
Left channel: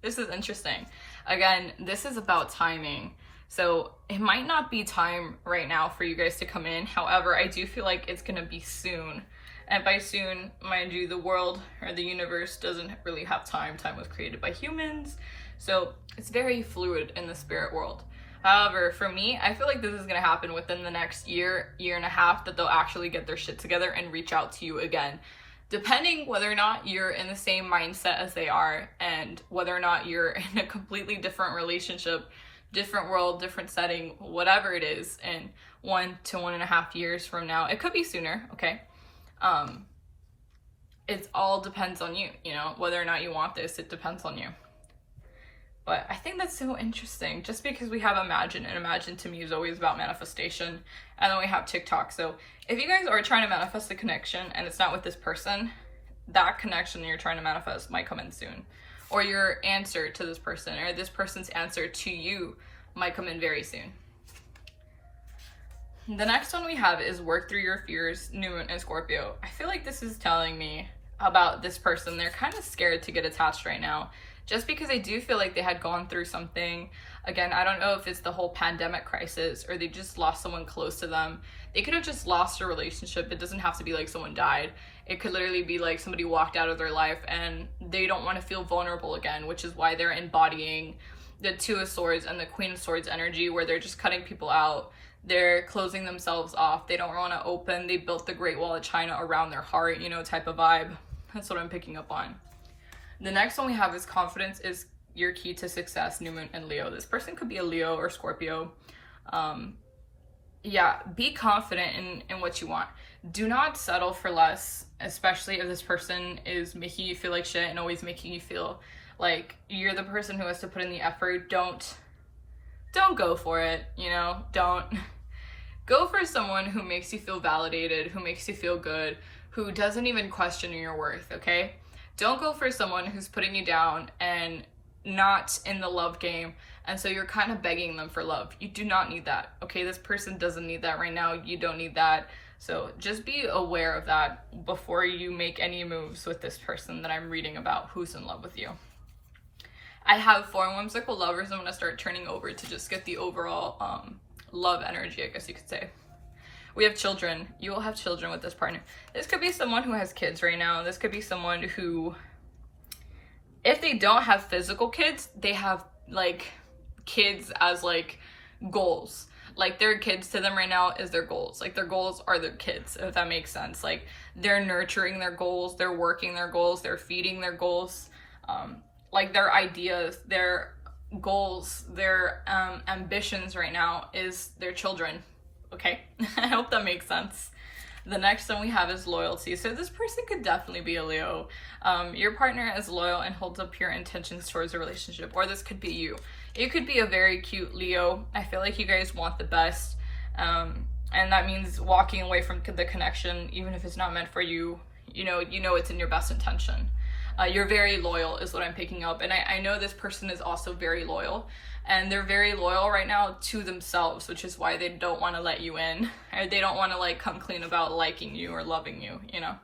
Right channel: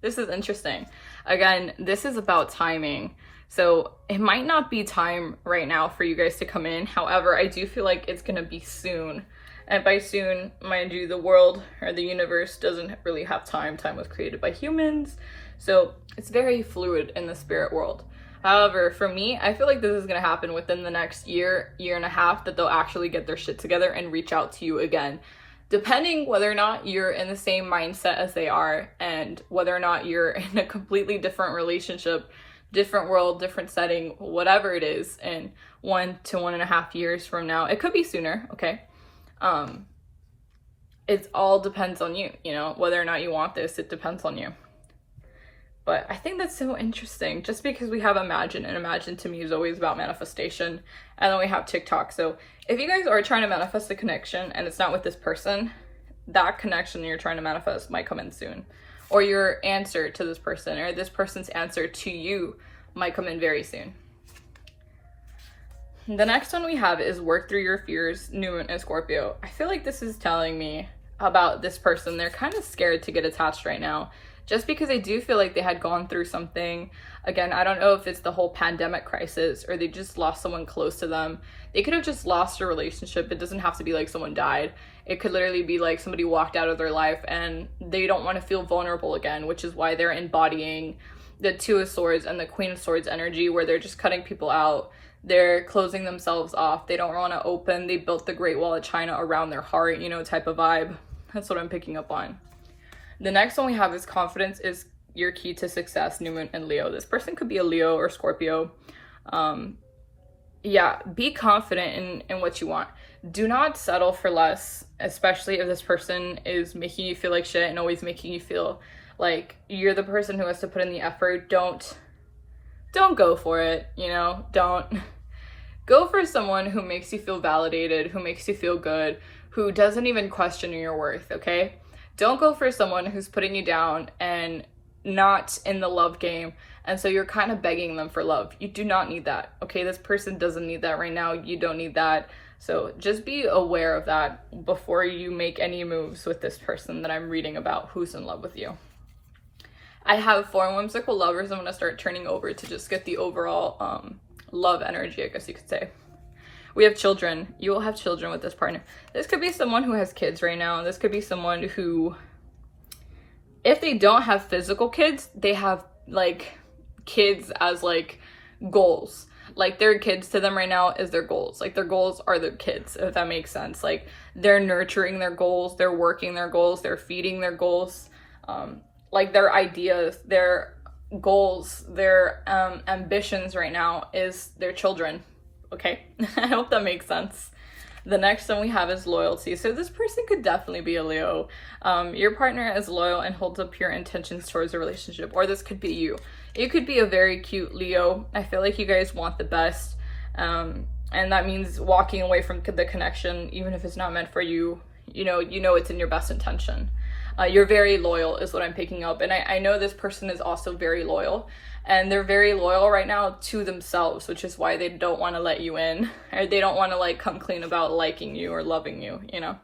This is interesting. Again, this is about timing. So it might not be time right now for you guys to come in. However, I do feel like it's going to be soon. And by soon, mind you, the world or the universe doesn't really have time. Time was created by humans. So it's very fluid in the spirit world. However, for me, I feel like this is going to happen within the next year and a half, that they'll actually get their shit together and reach out to you again. Depending whether or not you're in the same mindset as they are, and whether or not you're in a completely different relationship, different world, different setting, whatever it is, in 1 to 1.5 years from now. It could be sooner, okay? It all depends on you, whether or not you want this, it depends on you. But I think that's so interesting, just because we have imagine, and imagine to me is always about manifestation, and then we have TikTok. So if you guys are trying to manifest a connection and it's not with this person, that connection you're trying to manifest might come in soon. Or your answer to this person, or this person's answer to you, might come in very soon. The next one we have is work through your fears, New Moon and Scorpio. I feel like this is telling me about this person. They're kind of scared to get attached right now, just because I do feel like they had gone through something. Again, I don't know if it's the whole pandemic crisis or they just lost someone close to them. They could have just lost a relationship. It doesn't have to be like someone died. It could literally be like somebody walked out of their life and they don't want to feel vulnerable again, which is why they're embodying the Two of Swords and the Queen of Swords energy, where they're just cutting people out. They're closing themselves off. They don't want to open. They built the Great Wall of China around their heart, type of vibe. That's what I'm picking up on. The next one we have is confidence is your key to success, New Moon and Leo. This person could be a Leo or Scorpio. Be confident in what you want. Do not settle for less, especially if this person is making you feel like shit and always making you feel like you're the person who has to put in the effort. Don't go for it, don't go for someone who makes you feel validated, who makes you feel good, who doesn't even question your worth, okay? Don't go for someone who's putting you down and not in the love game, And so you're kind of begging them for love. You do not need that, okay? This person doesn't need that right now. You don't need that. So just be aware of that before you make any moves with this person that I'm reading about who's in love with you. I have 4 whimsical lovers I'm going to start turning over to just get the overall love energy, I guess you could say. We have children. You will have children with this partner. This could be someone who has kids right now. This could be someone who, if they don't have physical kids, they have like kids as like goals. Like their kids to them right now is their goals. Like their goals are their kids, if that makes sense. Like they're nurturing their goals, they're working their goals, they're feeding their goals. Like their ideas, their goals, their ambitions right now is their children. Okay, I hope that makes sense. The next one we have is loyalty. So this person could definitely be a Leo. Your partner is loyal and holds up pure intentions towards a relationship, or this could be you. You could be a very cute Leo. I feel like you guys want the best, and that means walking away from the connection, even if it's not meant for you. You know it's in your best intention. You're very loyal is what I'm picking up, and I know this person is also very loyal, and they're very loyal right now to themselves, which is why they don't want to let you in, or they don't want to like come clean about liking you or loving you, you know.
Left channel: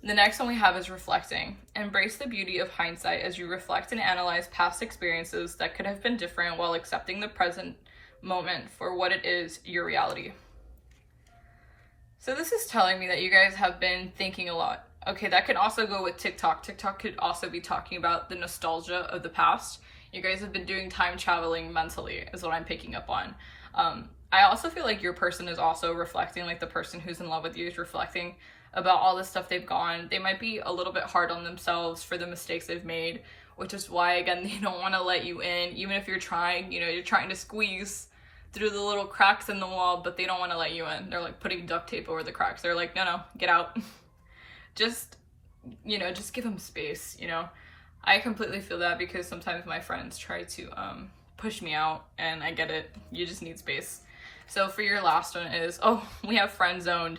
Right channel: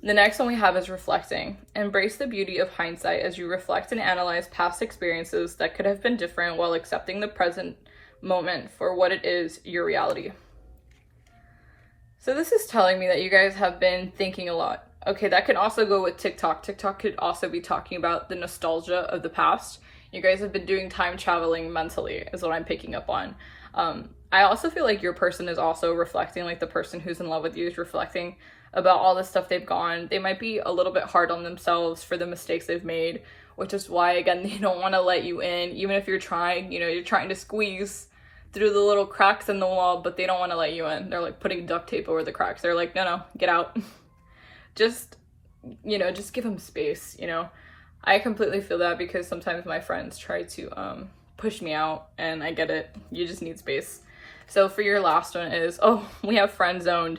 The next one we have is reflecting. Embrace the beauty of hindsight as you reflect and analyze past experiences that could have been different while accepting the present moment for what it is, your reality. So this is telling me that you guys have been thinking a lot. Okay, that could also go with TikTok. TikTok could also be talking about the nostalgia of the past. You guys have been doing time traveling mentally is what I'm picking up on. I also feel like your person is also reflecting, like the person who's in love with you is reflecting about all the stuff they've gone. They might be a little bit hard on themselves for the mistakes they've made, which is why, again, they don't want to let you in. Even if you're trying, you're trying to squeeze through the little cracks in the wall, but they don't want to let you in. They're like putting duct tape over the cracks. They're like, no, get out. Just give them space, I completely feel that because sometimes my friends try to push me out, and I get it. You just need space. So for your last one is, we have friend zoned.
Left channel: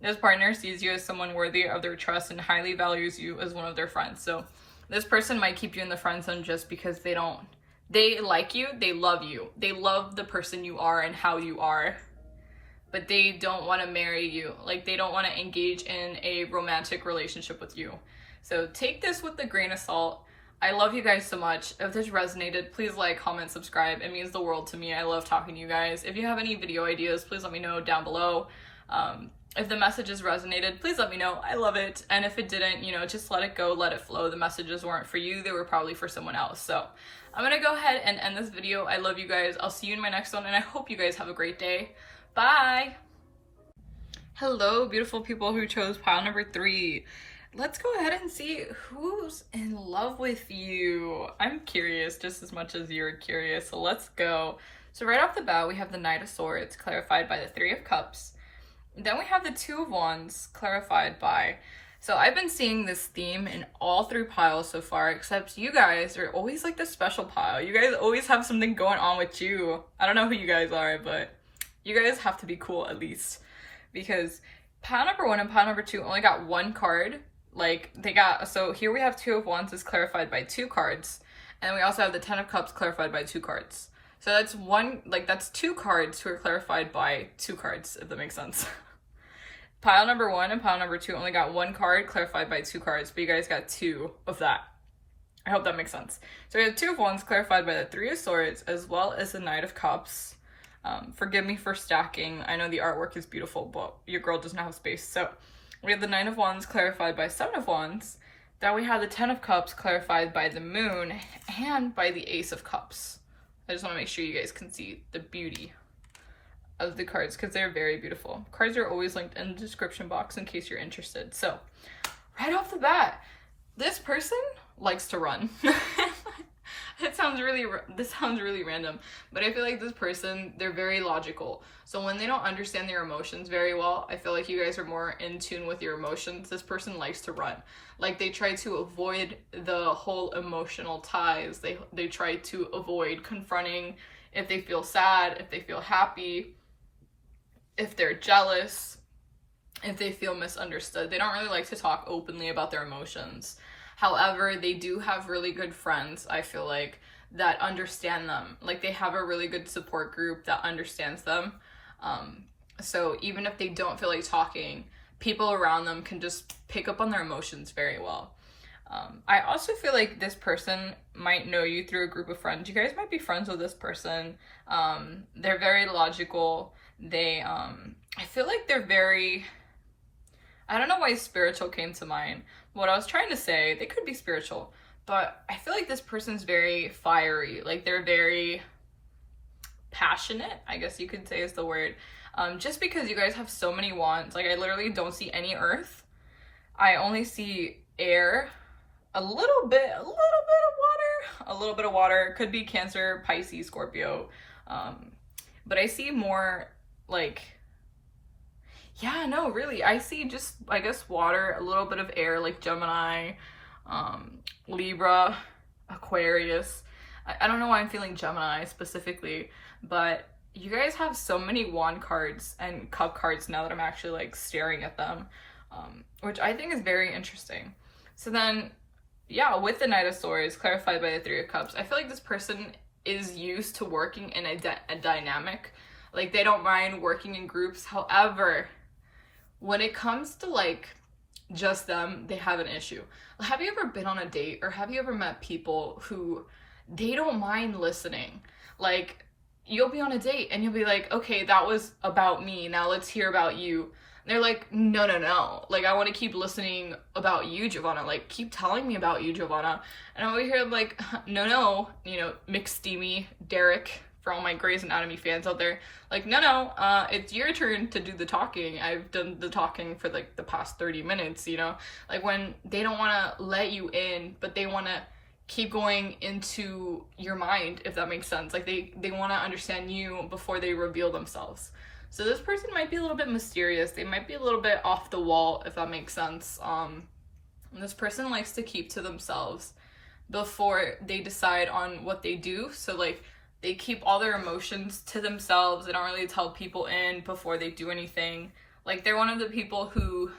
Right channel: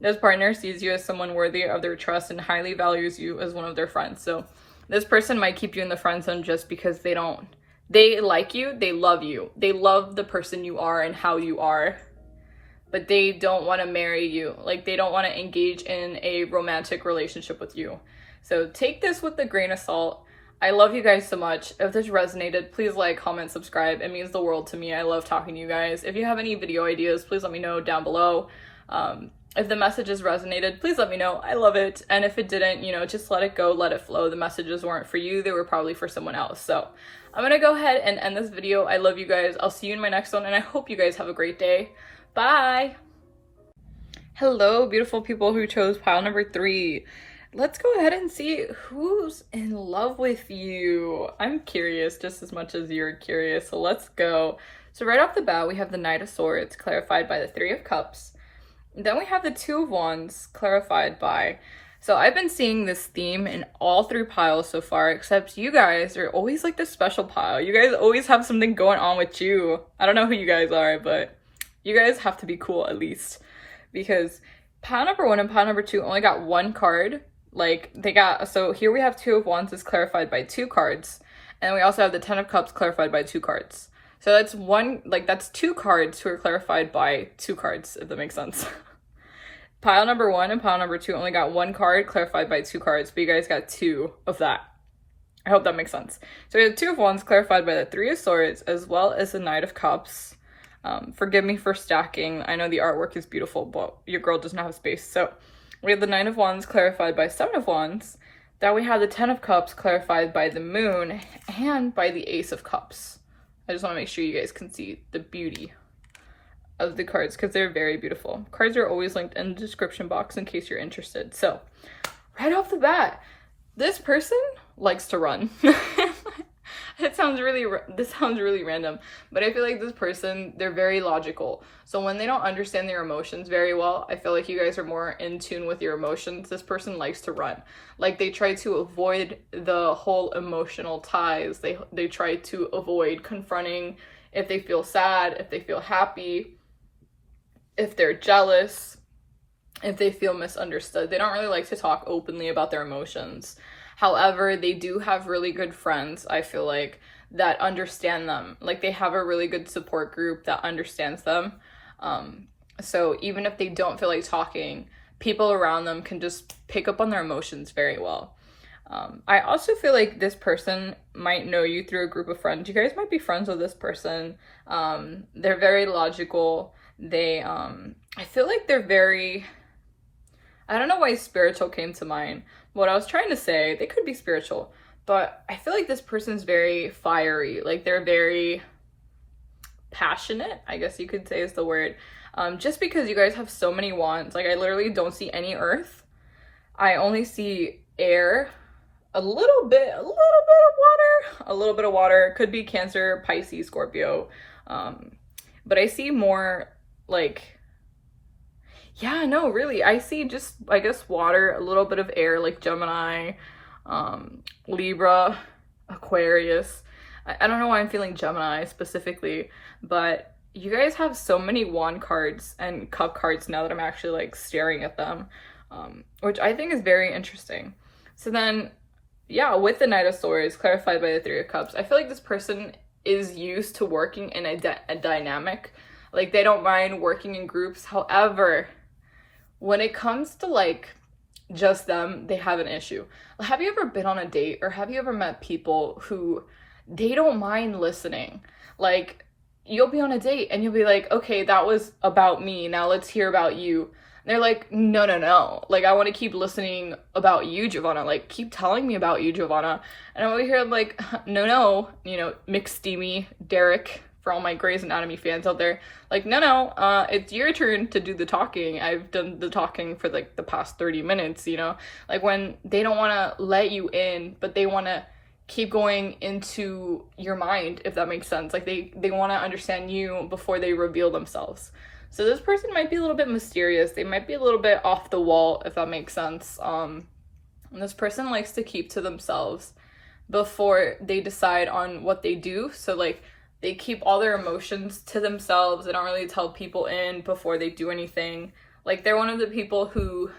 This partner sees you as someone worthy of their trust and highly values you as one of their friends. So this person might keep you in the friend zone just because they like you, they love you. They love the person you are and how you are, but they don't want to marry you. Like they don't want to engage in a romantic relationship with you. So take this with a grain of salt. I love you guys so much. If this resonated, please like, comment, subscribe. It means the world to me. I love talking to you guys. If you have any video ideas, please let me know down below. If the messages resonated, please let me know. I love it. And if it didn't, just let it go, let it flow. The messages weren't for you. They were probably for someone else. So I'm going to go ahead and end this video. I love you guys. I'll see you in my next one. And I hope you guys have a great day. Bye. Hello, beautiful people who chose pile number 3. Let's go ahead and see who's in love with you. I'm curious just as much as you're curious. So let's go. So right off the bat, we have the Knight of Swords clarified by the 3 of Cups. Then we have the 2 of Wands clarified by, so I've been seeing this theme in all 3 piles so far, except you guys are always like this special pile. You guys always have something going on with you. I don't know who you guys are, but you guys have to be cool at least, because pile number 1 and pile number 2 only got 1 card. So here we have 2 of Wands is clarified by 2 cards, and we also have the 10 of Cups clarified by 2 cards. So that's 2 cards who are clarified by 2 cards, if that makes sense. Pile number 1 and pile number 2 only got 1 card clarified by 2 cards, but you guys got 2 of that. I hope that makes sense. So we have 2 of Wands clarified by the 3 of Swords, as well as the Knight of Cups. Forgive me for stacking. I know the artwork is beautiful, but your girl doesn't have space. So we have the 9 of Wands clarified by 7 of Wands. Then we have the 10 of Cups clarified by the Moon and by the Ace of Cups. I just want to make sure you guys can see the beauty of the cards because they're very beautiful. Cards are always linked in the description box in case you're interested. So right off the bat, this person likes to run. This sounds really random, but I feel like this person, they're very logical. So when they don't understand their emotions very well, I feel like you guys are more in tune with your emotions. This person likes to run. Like they try to avoid the whole emotional ties. They try to avoid confronting if they feel sad, if they feel happy, if they're jealous, if they feel misunderstood. They don't really like to talk openly about their emotions. However, they do have really good friends, I feel like, that understand them. Like, they have a really good support group that understands them. So even if they don't feel like talking, people around them can just pick up on their emotions very well. I also feel like this person might know you through a group of friends. You guys might be friends with this person. They're very logical. I feel like they're very, I don't know why spiritual came to mind. What I was trying to say, they could be spiritual, but I feel like this person's very fiery. Like, they're very passionate, I guess you could say is the word. Just because you guys have so many wands, like, I literally don't see any earth. I only see air, a little bit of water, could be Cancer, Pisces, Scorpio. But I see more like, yeah, no, really, I see just, I guess, water, a little bit of air, like Gemini, Libra, Aquarius. I don't know why I'm feeling Gemini specifically, but you guys have so many wand cards and cup cards now that I'm actually like staring at them, which I think is very interesting. So then, yeah, with the Knight of Swords, clarified by the Three of Cups, I feel like this person is used to working in a dynamic. Like, they don't mind working in groups. However, when it comes to like just them, they have an issue. Have you ever been on a date, or have you ever met people who they don't mind listening? Like, you'll be on a date and you'll be like, okay, that was about me, now let's hear about you. And they're like, no, like, I want to keep listening about you, Giovanna, like, keep telling me about you, Giovanna. And I'm over here like, no, you know, McSteamy, Derek, for all my Grey's Anatomy fans out there, like, no, it's your turn to do the talking. I've done the talking for like the past 30 minutes, you know? Like, when they don't want to let you in, but they want to keep going into your mind, if that makes sense. Like, they want to understand you before they reveal themselves. So this person might be a little bit mysterious. They might be a little bit off the wall, if that makes sense. And this person likes to keep to themselves before they decide on what they do. So, like, they keep all their emotions to themselves. They don't really tell people in before they do anything. Like, they're one of the people who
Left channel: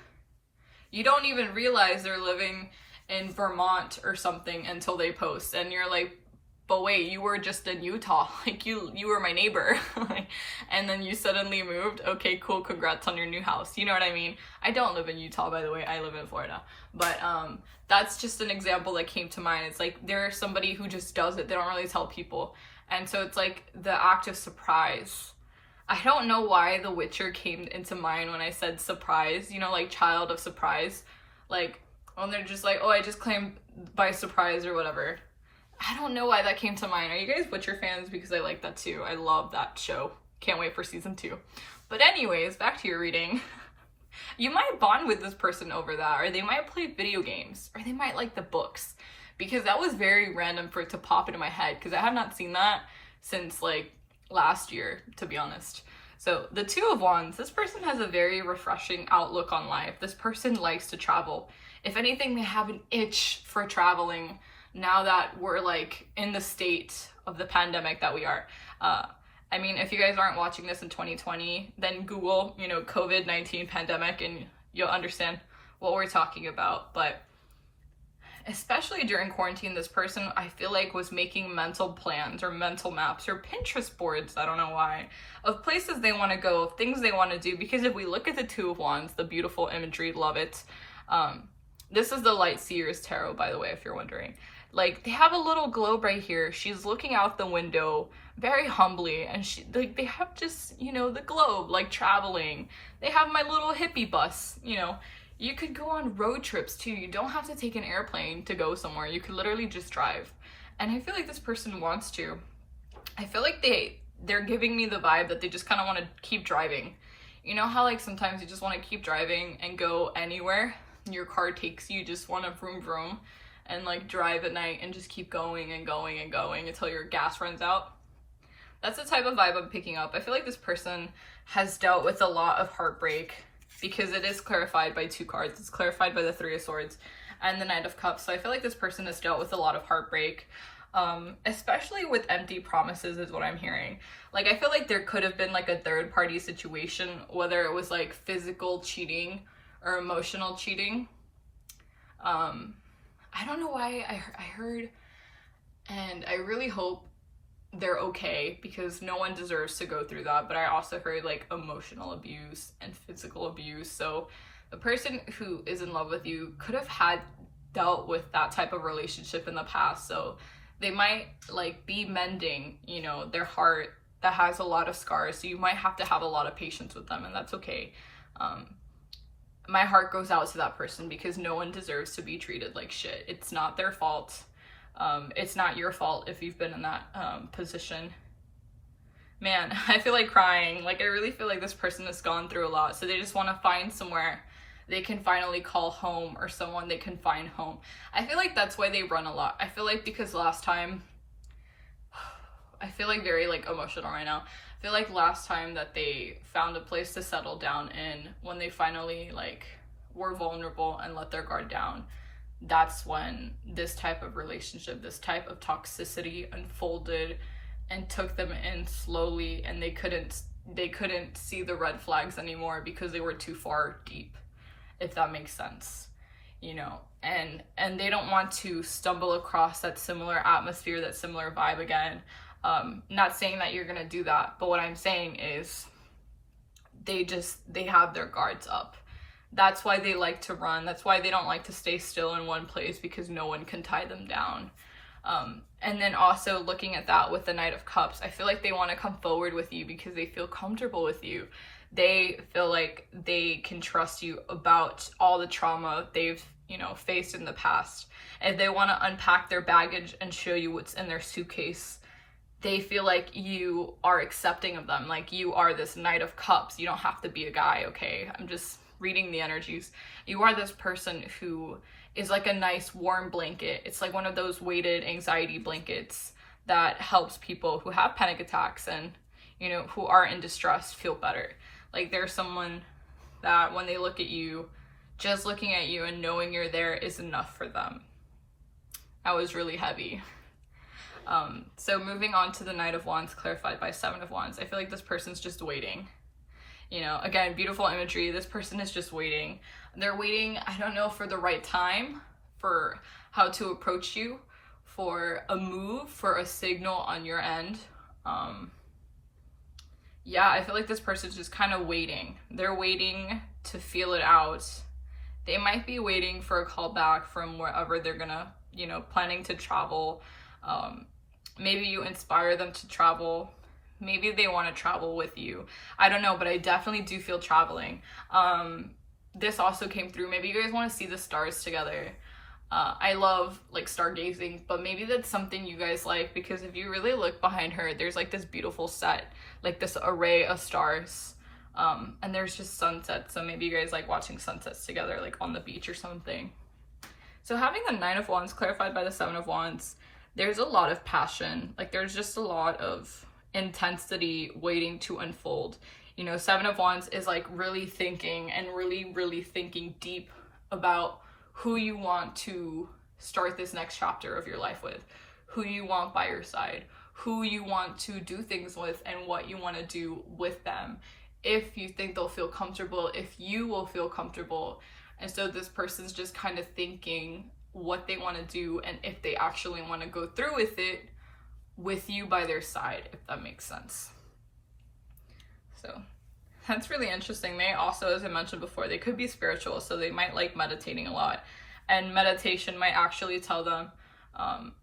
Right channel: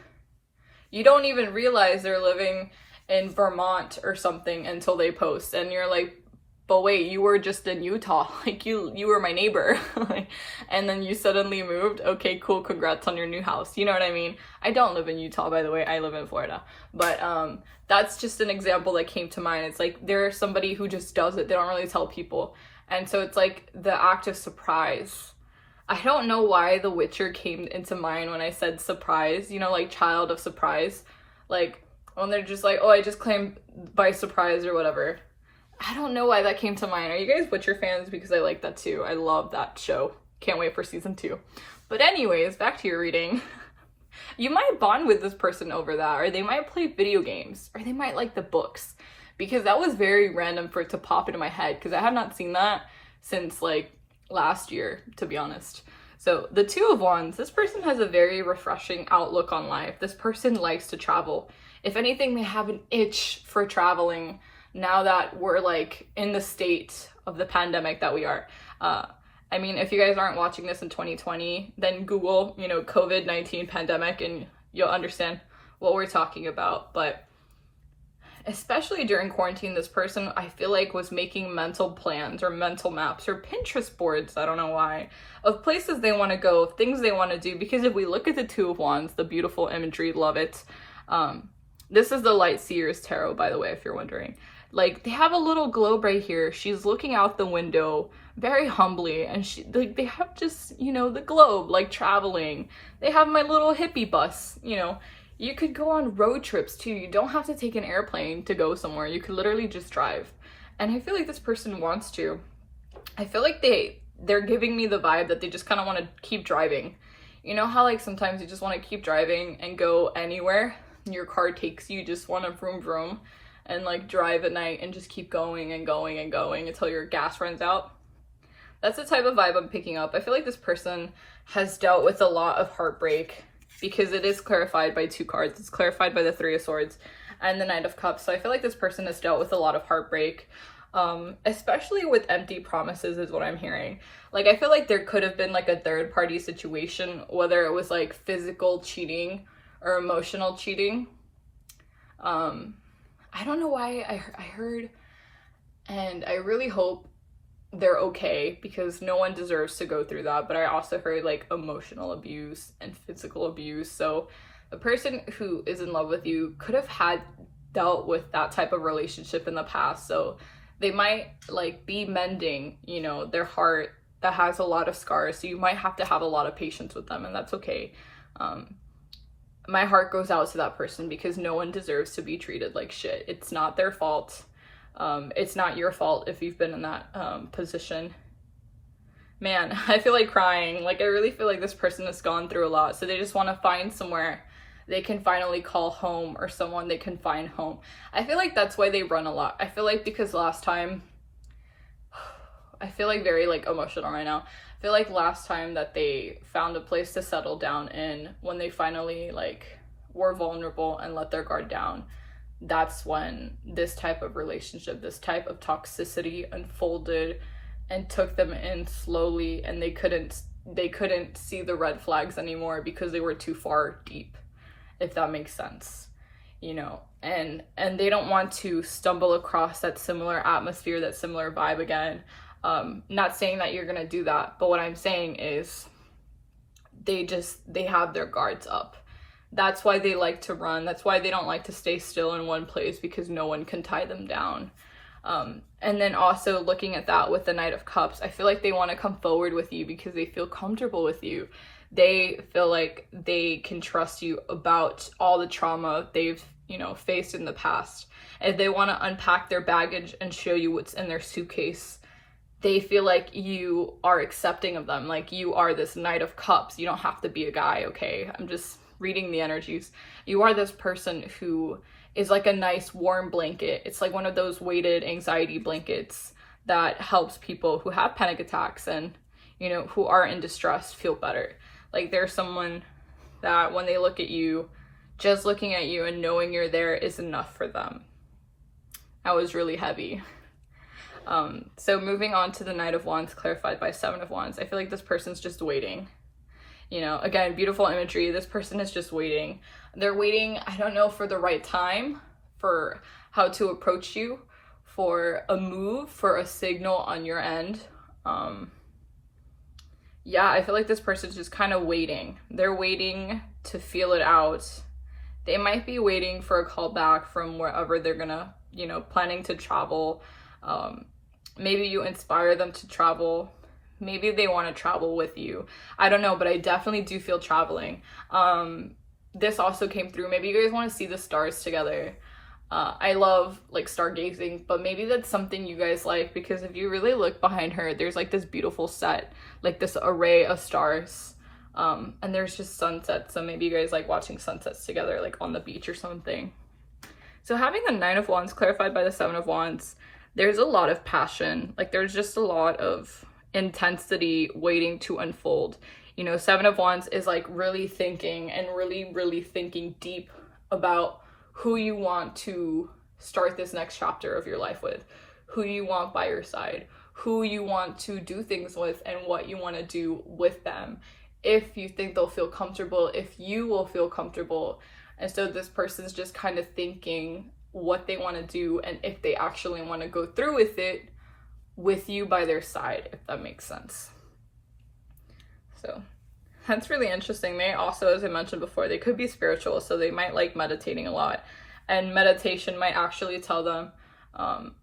you don't even realize they're living in Vermont or something until they post, and you're like, but wait, you were just in Utah, like, you were my neighbor. And then you suddenly moved. Okay, cool, congrats on your new house, you know what I mean? I don't live in Utah, by the way, I live in Florida, but that's just an example that came to mind. It's like, they're somebody who just does it, they don't really tell people, and so it's like the act of surprise. I don't know why The Witcher came into mind when I said surprise, you know, like child of surprise, like when they're just like, oh, I just claimed by surprise or whatever. I don't know why that came to mind. Are you guys Witcher fans? Because I like that too. I love that show. Can't wait for season 2. But anyways, back to your reading. You might bond with this person over that, or they might play video games, or they might like the books. Because that was very random for it to pop into my head, because I have not seen that since like last year, to be honest. So the Two of Wands, this person has a very refreshing outlook on life. This person likes to travel. If anything, they have an itch for traveling now that we're like in the state of the pandemic that we are. I mean, if you guys aren't watching this in 2020, then Google, you know, COVID-19 pandemic, and you'll understand what we're talking about. But especially during quarantine, this person, I feel like, was making mental plans or mental maps or Pinterest boards, I don't know why, of places they want to go, things they want to do. Because if we look at the Two of Wands, the beautiful imagery, love it. This is the Light Seer's Tarot, by the way, if you're wondering. Like, they have a little globe right here. She's looking out the window very humbly, and they have just, you know, the globe, like traveling. They have my little hippie bus, you know. You could go on road trips too. You don't have to take an airplane to go somewhere. You could literally just drive. And I feel like this person wants to. I feel like they're giving me the vibe that they just kind of want to keep driving. You know how like sometimes you just want to keep driving and go anywhere? Your car takes you, just want to vroom vroom and like drive at night and just keep going and going and going until your gas runs out. That's the type of vibe I'm picking up. I feel like this person has dealt with a lot of heartbreak, because it is clarified by 2 cards. It's clarified by the Three of Swords and the Knight of Cups. So I feel like this person has dealt with a lot of heartbreak, especially with empty promises is what I'm hearing. Like, I feel like there could have been like a third party situation, whether it was like physical cheating or emotional cheating. I don't know why I heard And I really hope they're okay, because no one deserves to go through that. But I also heard like emotional abuse and physical abuse. So the person who is in love with you could have had dealt with that type of relationship in the past. So they might like be mending, you know, their heart that has a lot of scars. So you might have to have a lot of patience with them, and that's okay. My heart goes out to that person, because no one deserves to be treated like shit. It's not their fault. It's not your fault if you've been in that position. Man, I feel like crying. Like, I really feel like this person has gone through a lot. So they just want to find somewhere they can finally call home, or someone they can find home. I feel like that's why they run a lot. I feel like because last time, I feel like very like emotional right now. I feel like last time that they found a place to settle down in, when they finally like were vulnerable and let their guard down, that's when this type of relationship, this type of toxicity unfolded and took them in slowly, and they couldn't see the red flags anymore because they were too far deep, if that makes sense, you know. And they don't want to stumble across that similar atmosphere, that similar vibe again. Not saying that you're gonna do that, but what I'm saying is they have their guards up. That's why they like to run. That's why they don't like to stay still in one place, because no one can tie them down. And then also looking at that with the Knight of Cups, I feel like they want to come forward with you because they feel comfortable with you. They feel like they can trust you about all the trauma they've, you know, faced in the past. And they want to unpack their baggage and show you what's in their suitcase. They feel like you are accepting of them. Like, you are this Knight of Cups. You don't have to be a guy, okay? I'm just reading the energies. You are this person who is like a nice warm blanket. It's like one of those weighted anxiety blankets that helps people who have panic attacks and, you know, who are in distress feel better. Like, there's someone that when they look at you, just looking at you and knowing you're there is enough for them. That was really heavy. So moving on to the Knight of Wands clarified by Seven of Wands, I feel like this person's just waiting. You know, again, beautiful imagery. This person is just waiting. They're waiting, I don't know, for the right time, for how to approach you, for a move, for a signal on your end. Yeah, I feel like this person's just kind of waiting. They're waiting to feel it out. They might be waiting for a call back from wherever they're gonna, you know, planning to travel. Maybe you inspire them to travel. Maybe they want to travel with you. I don't know, but I definitely do feel traveling. This also came through. Maybe you guys want to see the stars together. I love like stargazing, but maybe that's something you guys like, because if you really look behind her, there's like this beautiful set, like this array of stars. And there's just sunsets. So maybe you guys like watching sunsets together, like on the beach or something. So having the Nine of Wands clarified by the Seven of Wands, there's a lot of passion. Like, there's just a lot of intensity waiting to unfold. You know, Seven of Wands is like really thinking and really thinking deep about who you want to start this next chapter of your life with, who you want by your side, who you want to do things with, and what you want to do with them. If you think they'll feel comfortable, if you will feel comfortable. And so this person's just kind of thinking what they want to do, and if they actually want to go through with it with you by their side, if that makes sense. So that's really interesting. They also, as I mentioned before, they could be spiritual, so they might like meditating a lot, and meditation might actually tell them,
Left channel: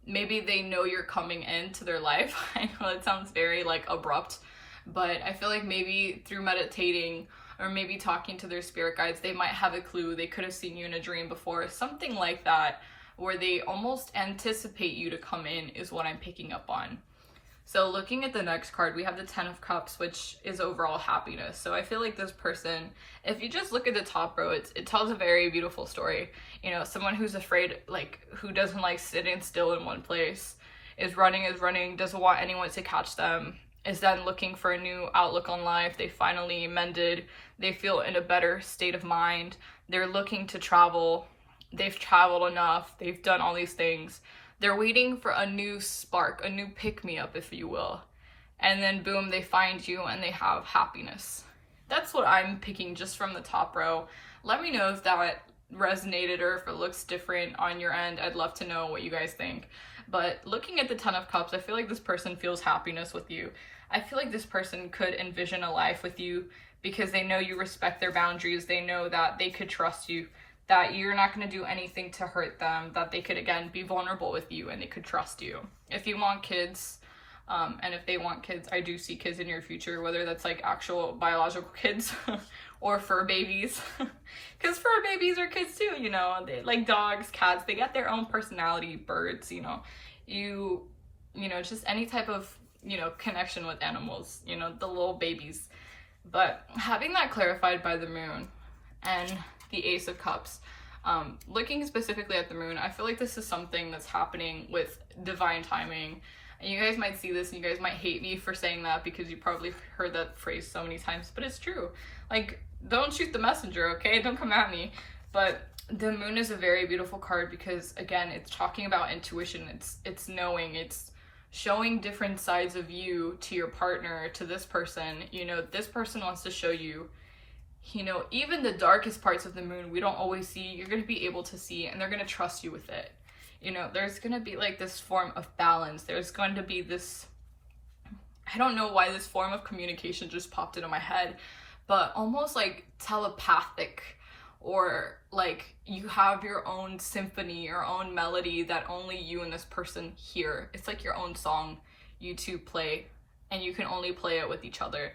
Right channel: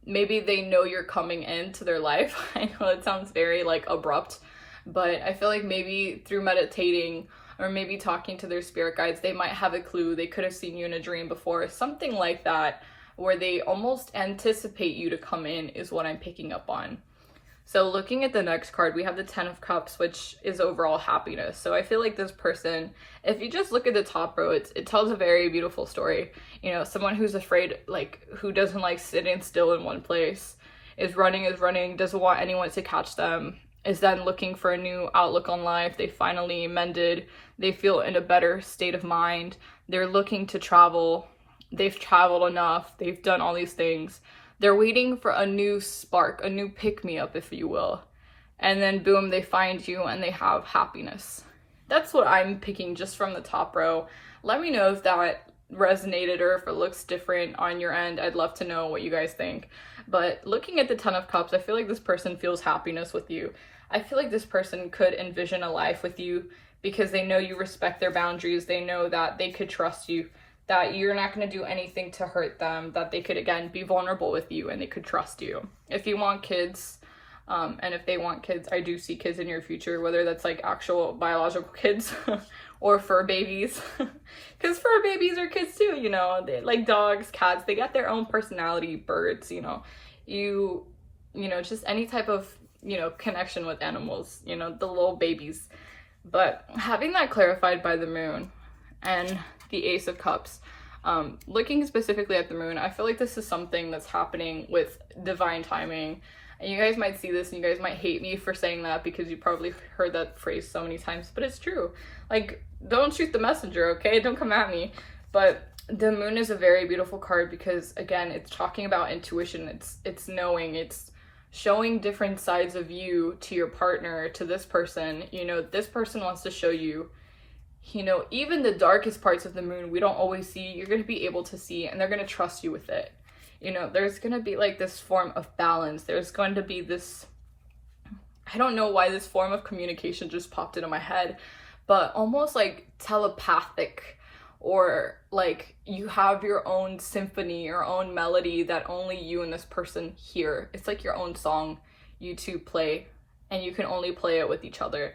maybe they know you're coming into their life. I know it sounds very like abrupt, but I feel like maybe through meditating, or maybe talking to their spirit guides, they might have a clue. They could have seen you in a dream before, something like that, where they almost anticipate you to come in, is what I'm picking up on. So looking at the next card, we have the Ten of Cups, which is overall happiness. So I feel like this person, if you just look at the top row, it tells a very beautiful story. You know, someone who's afraid, like, who doesn't like sitting still in one place, is running, doesn't want anyone to catch them, is then looking for a new outlook on life. They finally mended. They feel in a better state of mind. They're looking to travel. They've traveled enough. They've done all these things. They're waiting for a new spark, a new pick-me-up, if you will. And then boom, they find you and they have happiness. That's what I'm picking just from the top row. Let me know if that resonated or if it looks different on your end. I'd love to know what you guys think. But looking at the Ten of Cups, I feel like this person feels happiness with you. I feel like this person could envision a life with you because they know you respect their boundaries. They know that they could trust you, that you're not going to do anything to hurt them, that they could, again, be vulnerable with you and they could trust you. If you want kids, and if they want kids, I do see kids in your future, whether that's like actual biological kids or fur babies. Because fur babies are kids too, you know, they, like dogs, cats, they got their own personality, birds, you know, just any type of, connection with animals, the little babies. But having that clarified by the moon and the Ace of Cups, looking specifically at the moon, I feel like this is something that's happening with divine timing. And you guys might see this and you guys might hate me for saying that because you probably heard that phrase so many times, but it's true. Like, don't shoot the messenger, okay? Don't come at me. But the moon is a very beautiful card because, again, it's talking about intuition. It's knowing, it's showing different sides of you to your partner, to this person. This person wants to show you, even the darkest parts of the moon we don't always see, you're going to be able to see, and they're going to trust you with it. There's going to be like this form of balance. There's going to be this, I don't know why this form of communication just popped into my head, but almost like telepathic, or like you have your own symphony, your own melody that only you and this person hear. It's like your own song you two play, and you can only play it with each other.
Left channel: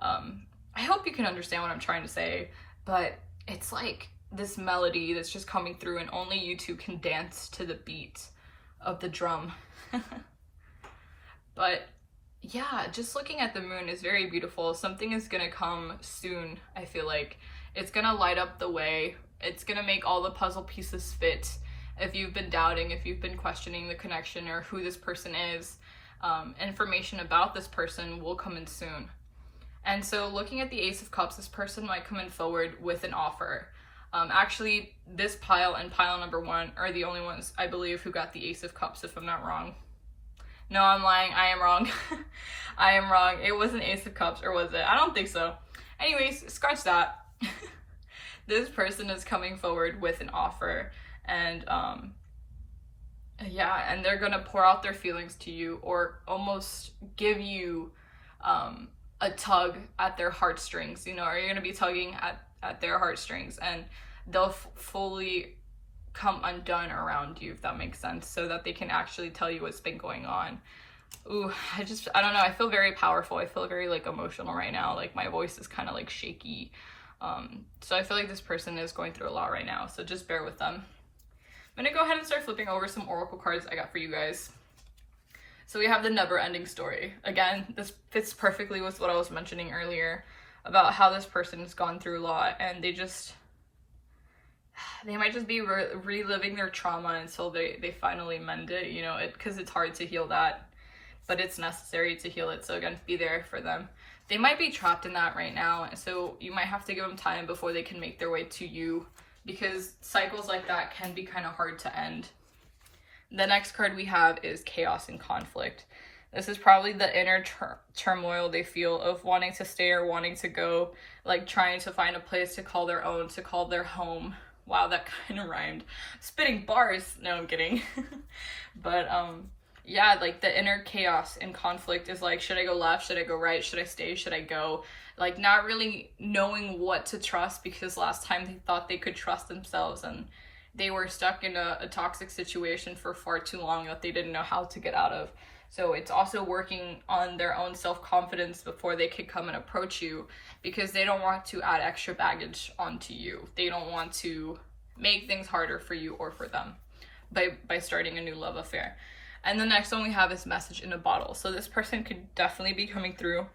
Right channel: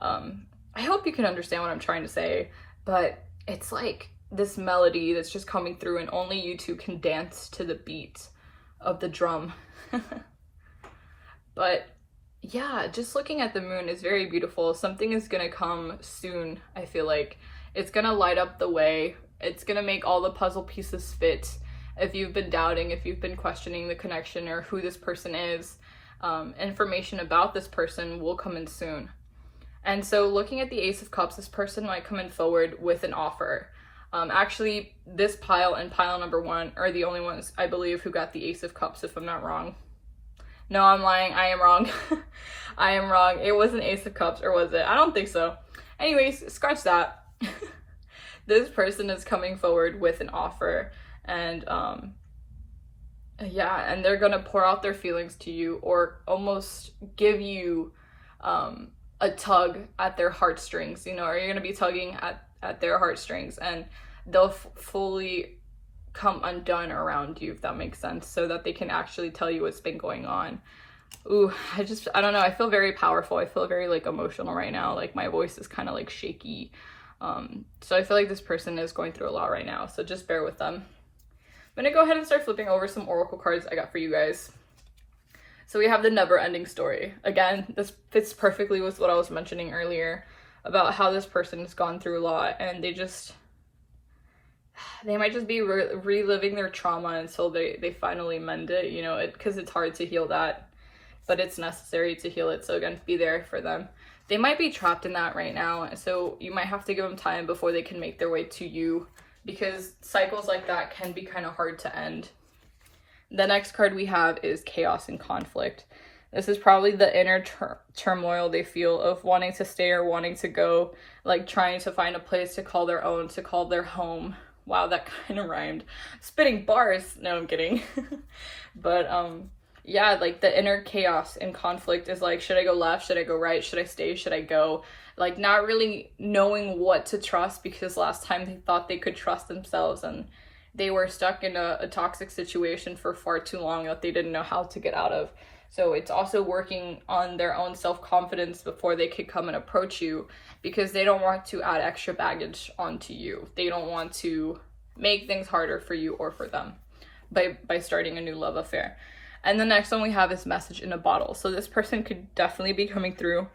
I hope you can understand what I'm trying to say, but it's like this melody that's just coming through and only you two can dance to the beat of the drum. But yeah, just looking at the moon is very beautiful. Something is gonna come soon. I feel like it's gonna light up the way. It's gonna make all the puzzle pieces fit. If you've been doubting, if you've been questioning the connection or who this person is, information about this person will come in soon. And so looking at the Ace of Cups, this person might come in forward with an offer. Actually, this pile and pile number 1 are the only ones, I believe, who got the Ace of Cups, if I'm not wrong. No, I'm lying. I am wrong. I am wrong. It was an Ace of Cups, or was it? I don't think so. Anyways, scratch that. This person is coming forward with an offer, and and they're gonna pour out their feelings to you, or almost give you a tug at their heartstrings. Or you're gonna be tugging at their heartstrings, and they'll fully come undone around you, if that makes sense, so that they can actually tell you what's been going on. Ooh, I don't know, I feel very powerful. I feel very like emotional right now. Like my voice is kind of like shaky. So I feel like this person is going through a lot right now, so just bear with them. I'm gonna go ahead and start flipping over some oracle cards I got for you guys. So we have the never-ending story. Again, this fits perfectly with what I was mentioning earlier about how this person has gone through a lot, and they might just be reliving their trauma until they finally mend it, because it's hard to heal that, but it's necessary to heal it. So again, be there for them. They might be trapped in that right now, so you might have to give them time before they can make their way to you, because cycles like that can be kind of hard to end. The next card we have is Chaos and Conflict. This is probably the inner turmoil they feel of wanting to stay or wanting to go, like trying to find a place to call their own, to call their home. Wow, that kind of rhymed. Spitting bars. No, I'm kidding. But yeah, like the inner chaos and conflict is like, should I go left? Should I go right? Should I stay? Should I go? Like not really knowing what to trust, because last time they thought they could trust themselves and they were stuck in a toxic situation for far too long that they didn't know how to get out of. So it's also working on their own self-confidence before they could come and approach you, because they don't want to add extra baggage onto you. They don't want to make things harder for you or for them by starting a new love affair. And the next one we have is Message in a Bottle. So this person could definitely be coming through,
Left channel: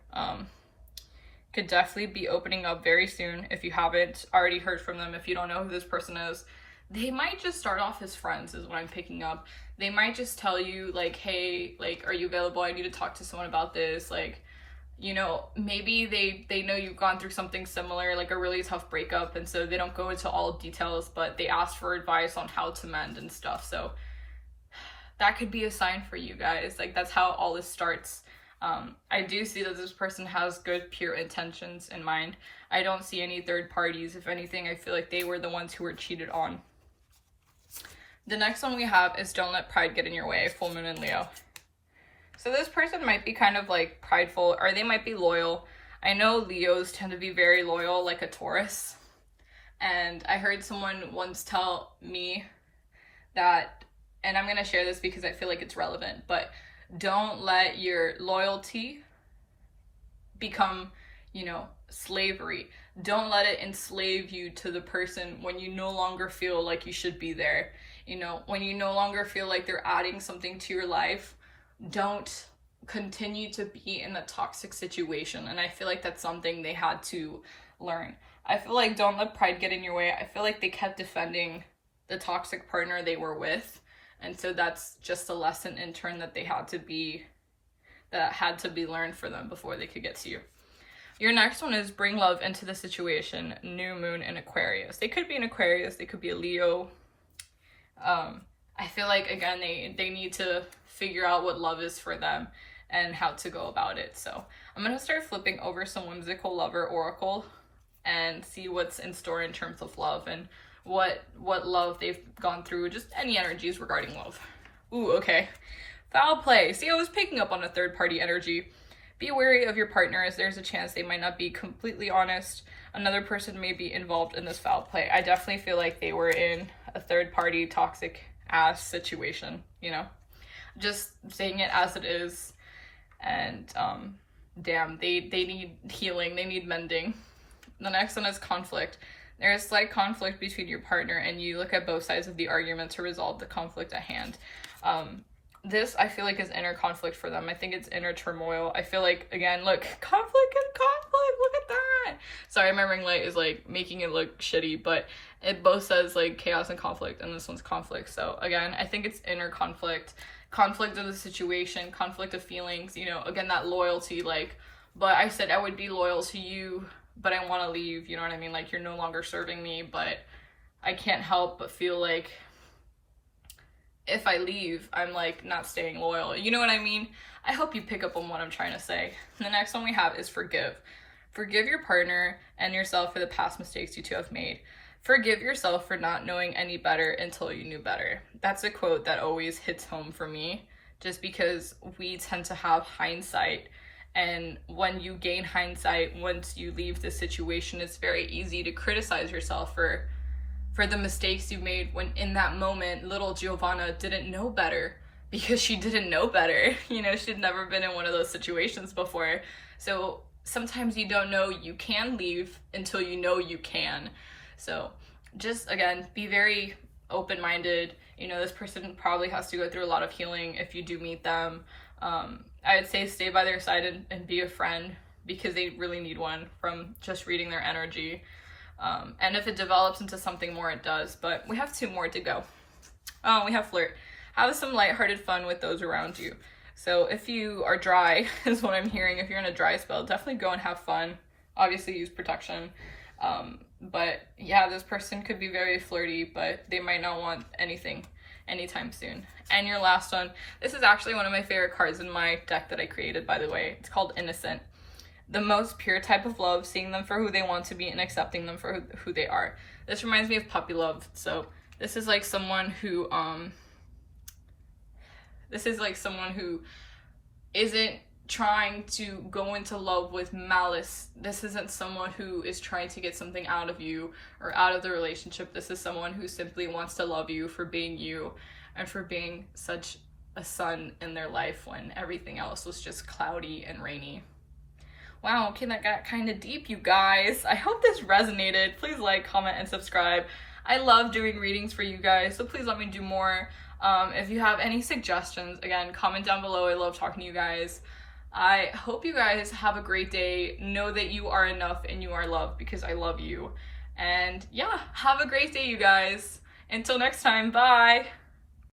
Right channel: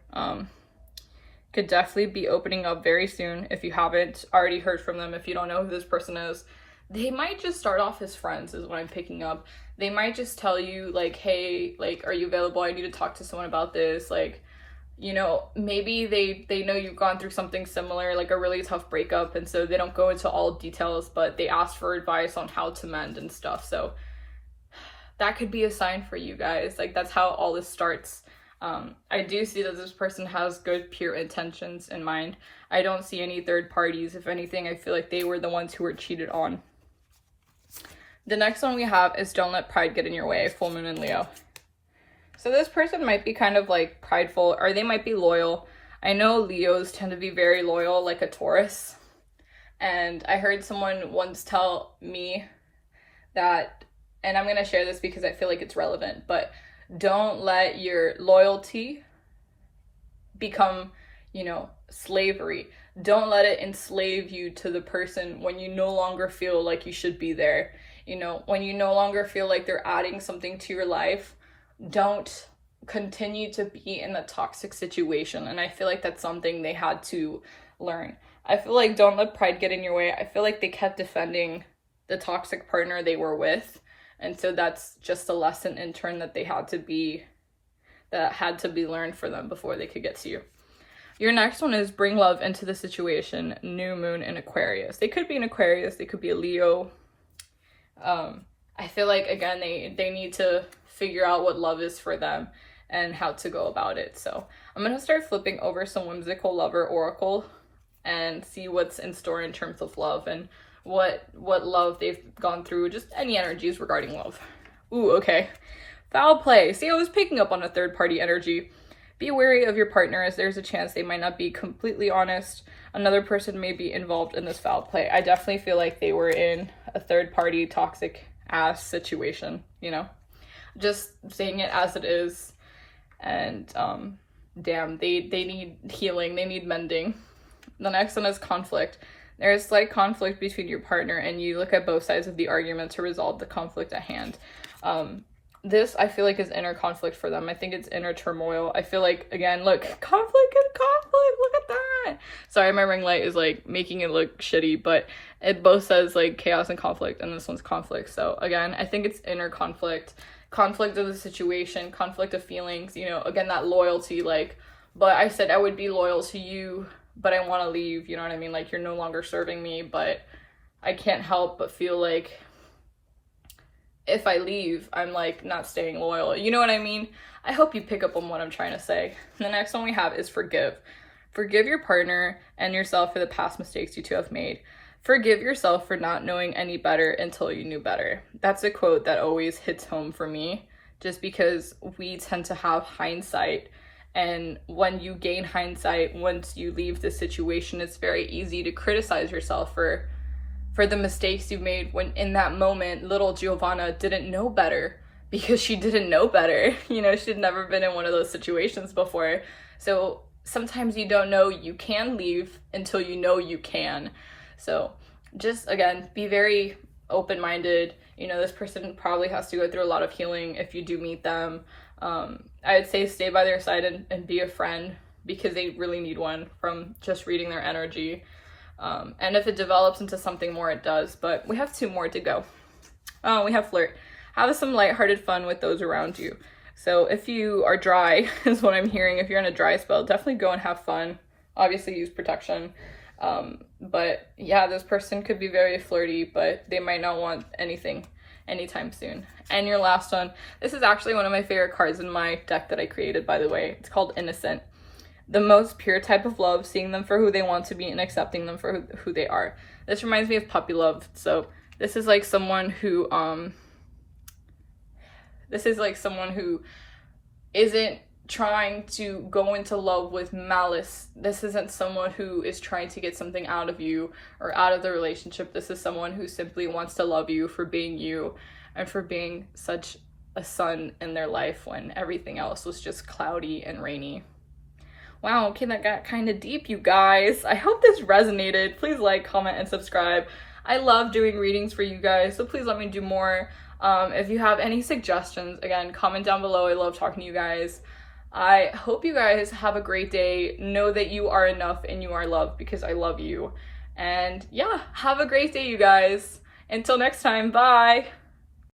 could definitely be opening up very soon. If you haven't already heard from them, if you don't know who this person is, they might just start off as friends is what I'm picking up. They might just tell you like, hey, like, are you available? I need to talk to someone about this. Like, maybe they know you've gone through something similar, like a really tough breakup, and so they don't go into all details, but they ask for advice on how to mend and stuff. So that could be a sign for you guys. Like, that's how all this starts. I do see that this person has good, pure intentions in mind. I don't see any third parties. If anything, I feel like they were the ones who were cheated on. The next one we have is don't let pride get in your way, full moon in Leo. So this person might be kind of like prideful, or they might be loyal. I know Leos tend to be very loyal, like a Taurus. And I heard someone once tell me that, and I'm going to share this because I feel like it's relevant, but don't let your loyalty become, slavery. Don't let it enslave you to the person when you no longer feel like you should be there. When you no longer feel like they're adding something to your life, don't continue to be in a toxic situation. And I feel like that's something they had to learn. I feel like don't let pride get in your way. I feel like they kept defending the toxic partner they were with. And so that's just a lesson in turn that had to be learned for them before they could get to you. Your next one is bring love into the situation, new moon in Aquarius. They could be an Aquarius, they could be a Leo. I feel like, again, they need to figure out what love is for them and how to go about it. So I'm going to start flipping over some Whimsical Lover Oracle and see what's in store in terms of love and what love they've gone through, just any energies regarding love. Ooh, okay. Foul play. See, I was picking up on a third party energy. Be wary of your partner, as there's a chance they might not be completely honest. Another person may be involved in this foul play. I definitely feel like they were in a third party toxic ass situation, just saying it as it is. And damn, they need healing, they need mending. The next one is conflict. There's like conflict between your partner, and you look at both sides of the argument to resolve the conflict at hand. This I feel like is inner conflict for them. I think it's inner turmoil. I feel like, again, look, conflict and conflict, look at that. Sorry, my ring light is like making it look shitty, but it both says like chaos and conflict, and this one's conflict. So again, I think it's inner conflict of the situation, conflict of feelings, again, that loyalty, but I said I would be loyal to you, but I want to leave, you know what I mean? Like, you're no longer serving me, but I can't help but feel like if I leave, I'm like not staying loyal. You know what I mean? I hope you pick up on what I'm trying to say. The next one we have is forgive. Forgive your partner and yourself for the past mistakes you two have made. Forgive yourself for not knowing any better until you knew better. That's a quote that always hits home for me, just because we tend to have hindsight. And when you gain hindsight, once you leave the situation, it's very easy to criticize yourself for the mistakes you've made, when in that moment, little Giovanna didn't know better because she didn't know better. She'd never been in one of those situations before. So sometimes you don't know you can leave until you know you can. So just, again, be very open-minded. This person probably has to go through a lot of healing if you do meet them. I'd say stay by their side and be a friend, because they really need one from just reading their energy. And if it develops into something more, it does. But we have 2 more to go. We have flirt. Have some lighthearted fun with those around you. So if you are dry, is what I'm hearing. If you're in a dry spell, definitely go and have fun. Obviously use protection. But yeah, this person could be very flirty, but they might not want anything anytime soon. And your last one, this is actually one of my favorite cards in my deck that I created, by the way. It's called Innocent. The most pure type of love, seeing them for who they want to be and accepting them for who they are. This reminds me of puppy love. So this is like someone who isn't trying to go into love with malice. This isn't someone who is trying to get something out of you or out of the relationship. This is someone who simply wants to love you for being you and for being such a sun in their life when everything else was just cloudy and rainy. Wow, okay, that got kind of deep, you guys. I hope this resonated. Please like, comment, and subscribe. I love doing readings for you guys, so please let me do more. If you have any suggestions, again, comment down below. I love talking to you guys. I hope you guys have a great day. Know that you are enough and you are loved, because I love you. And yeah, have a great day, you guys. Until next time, bye.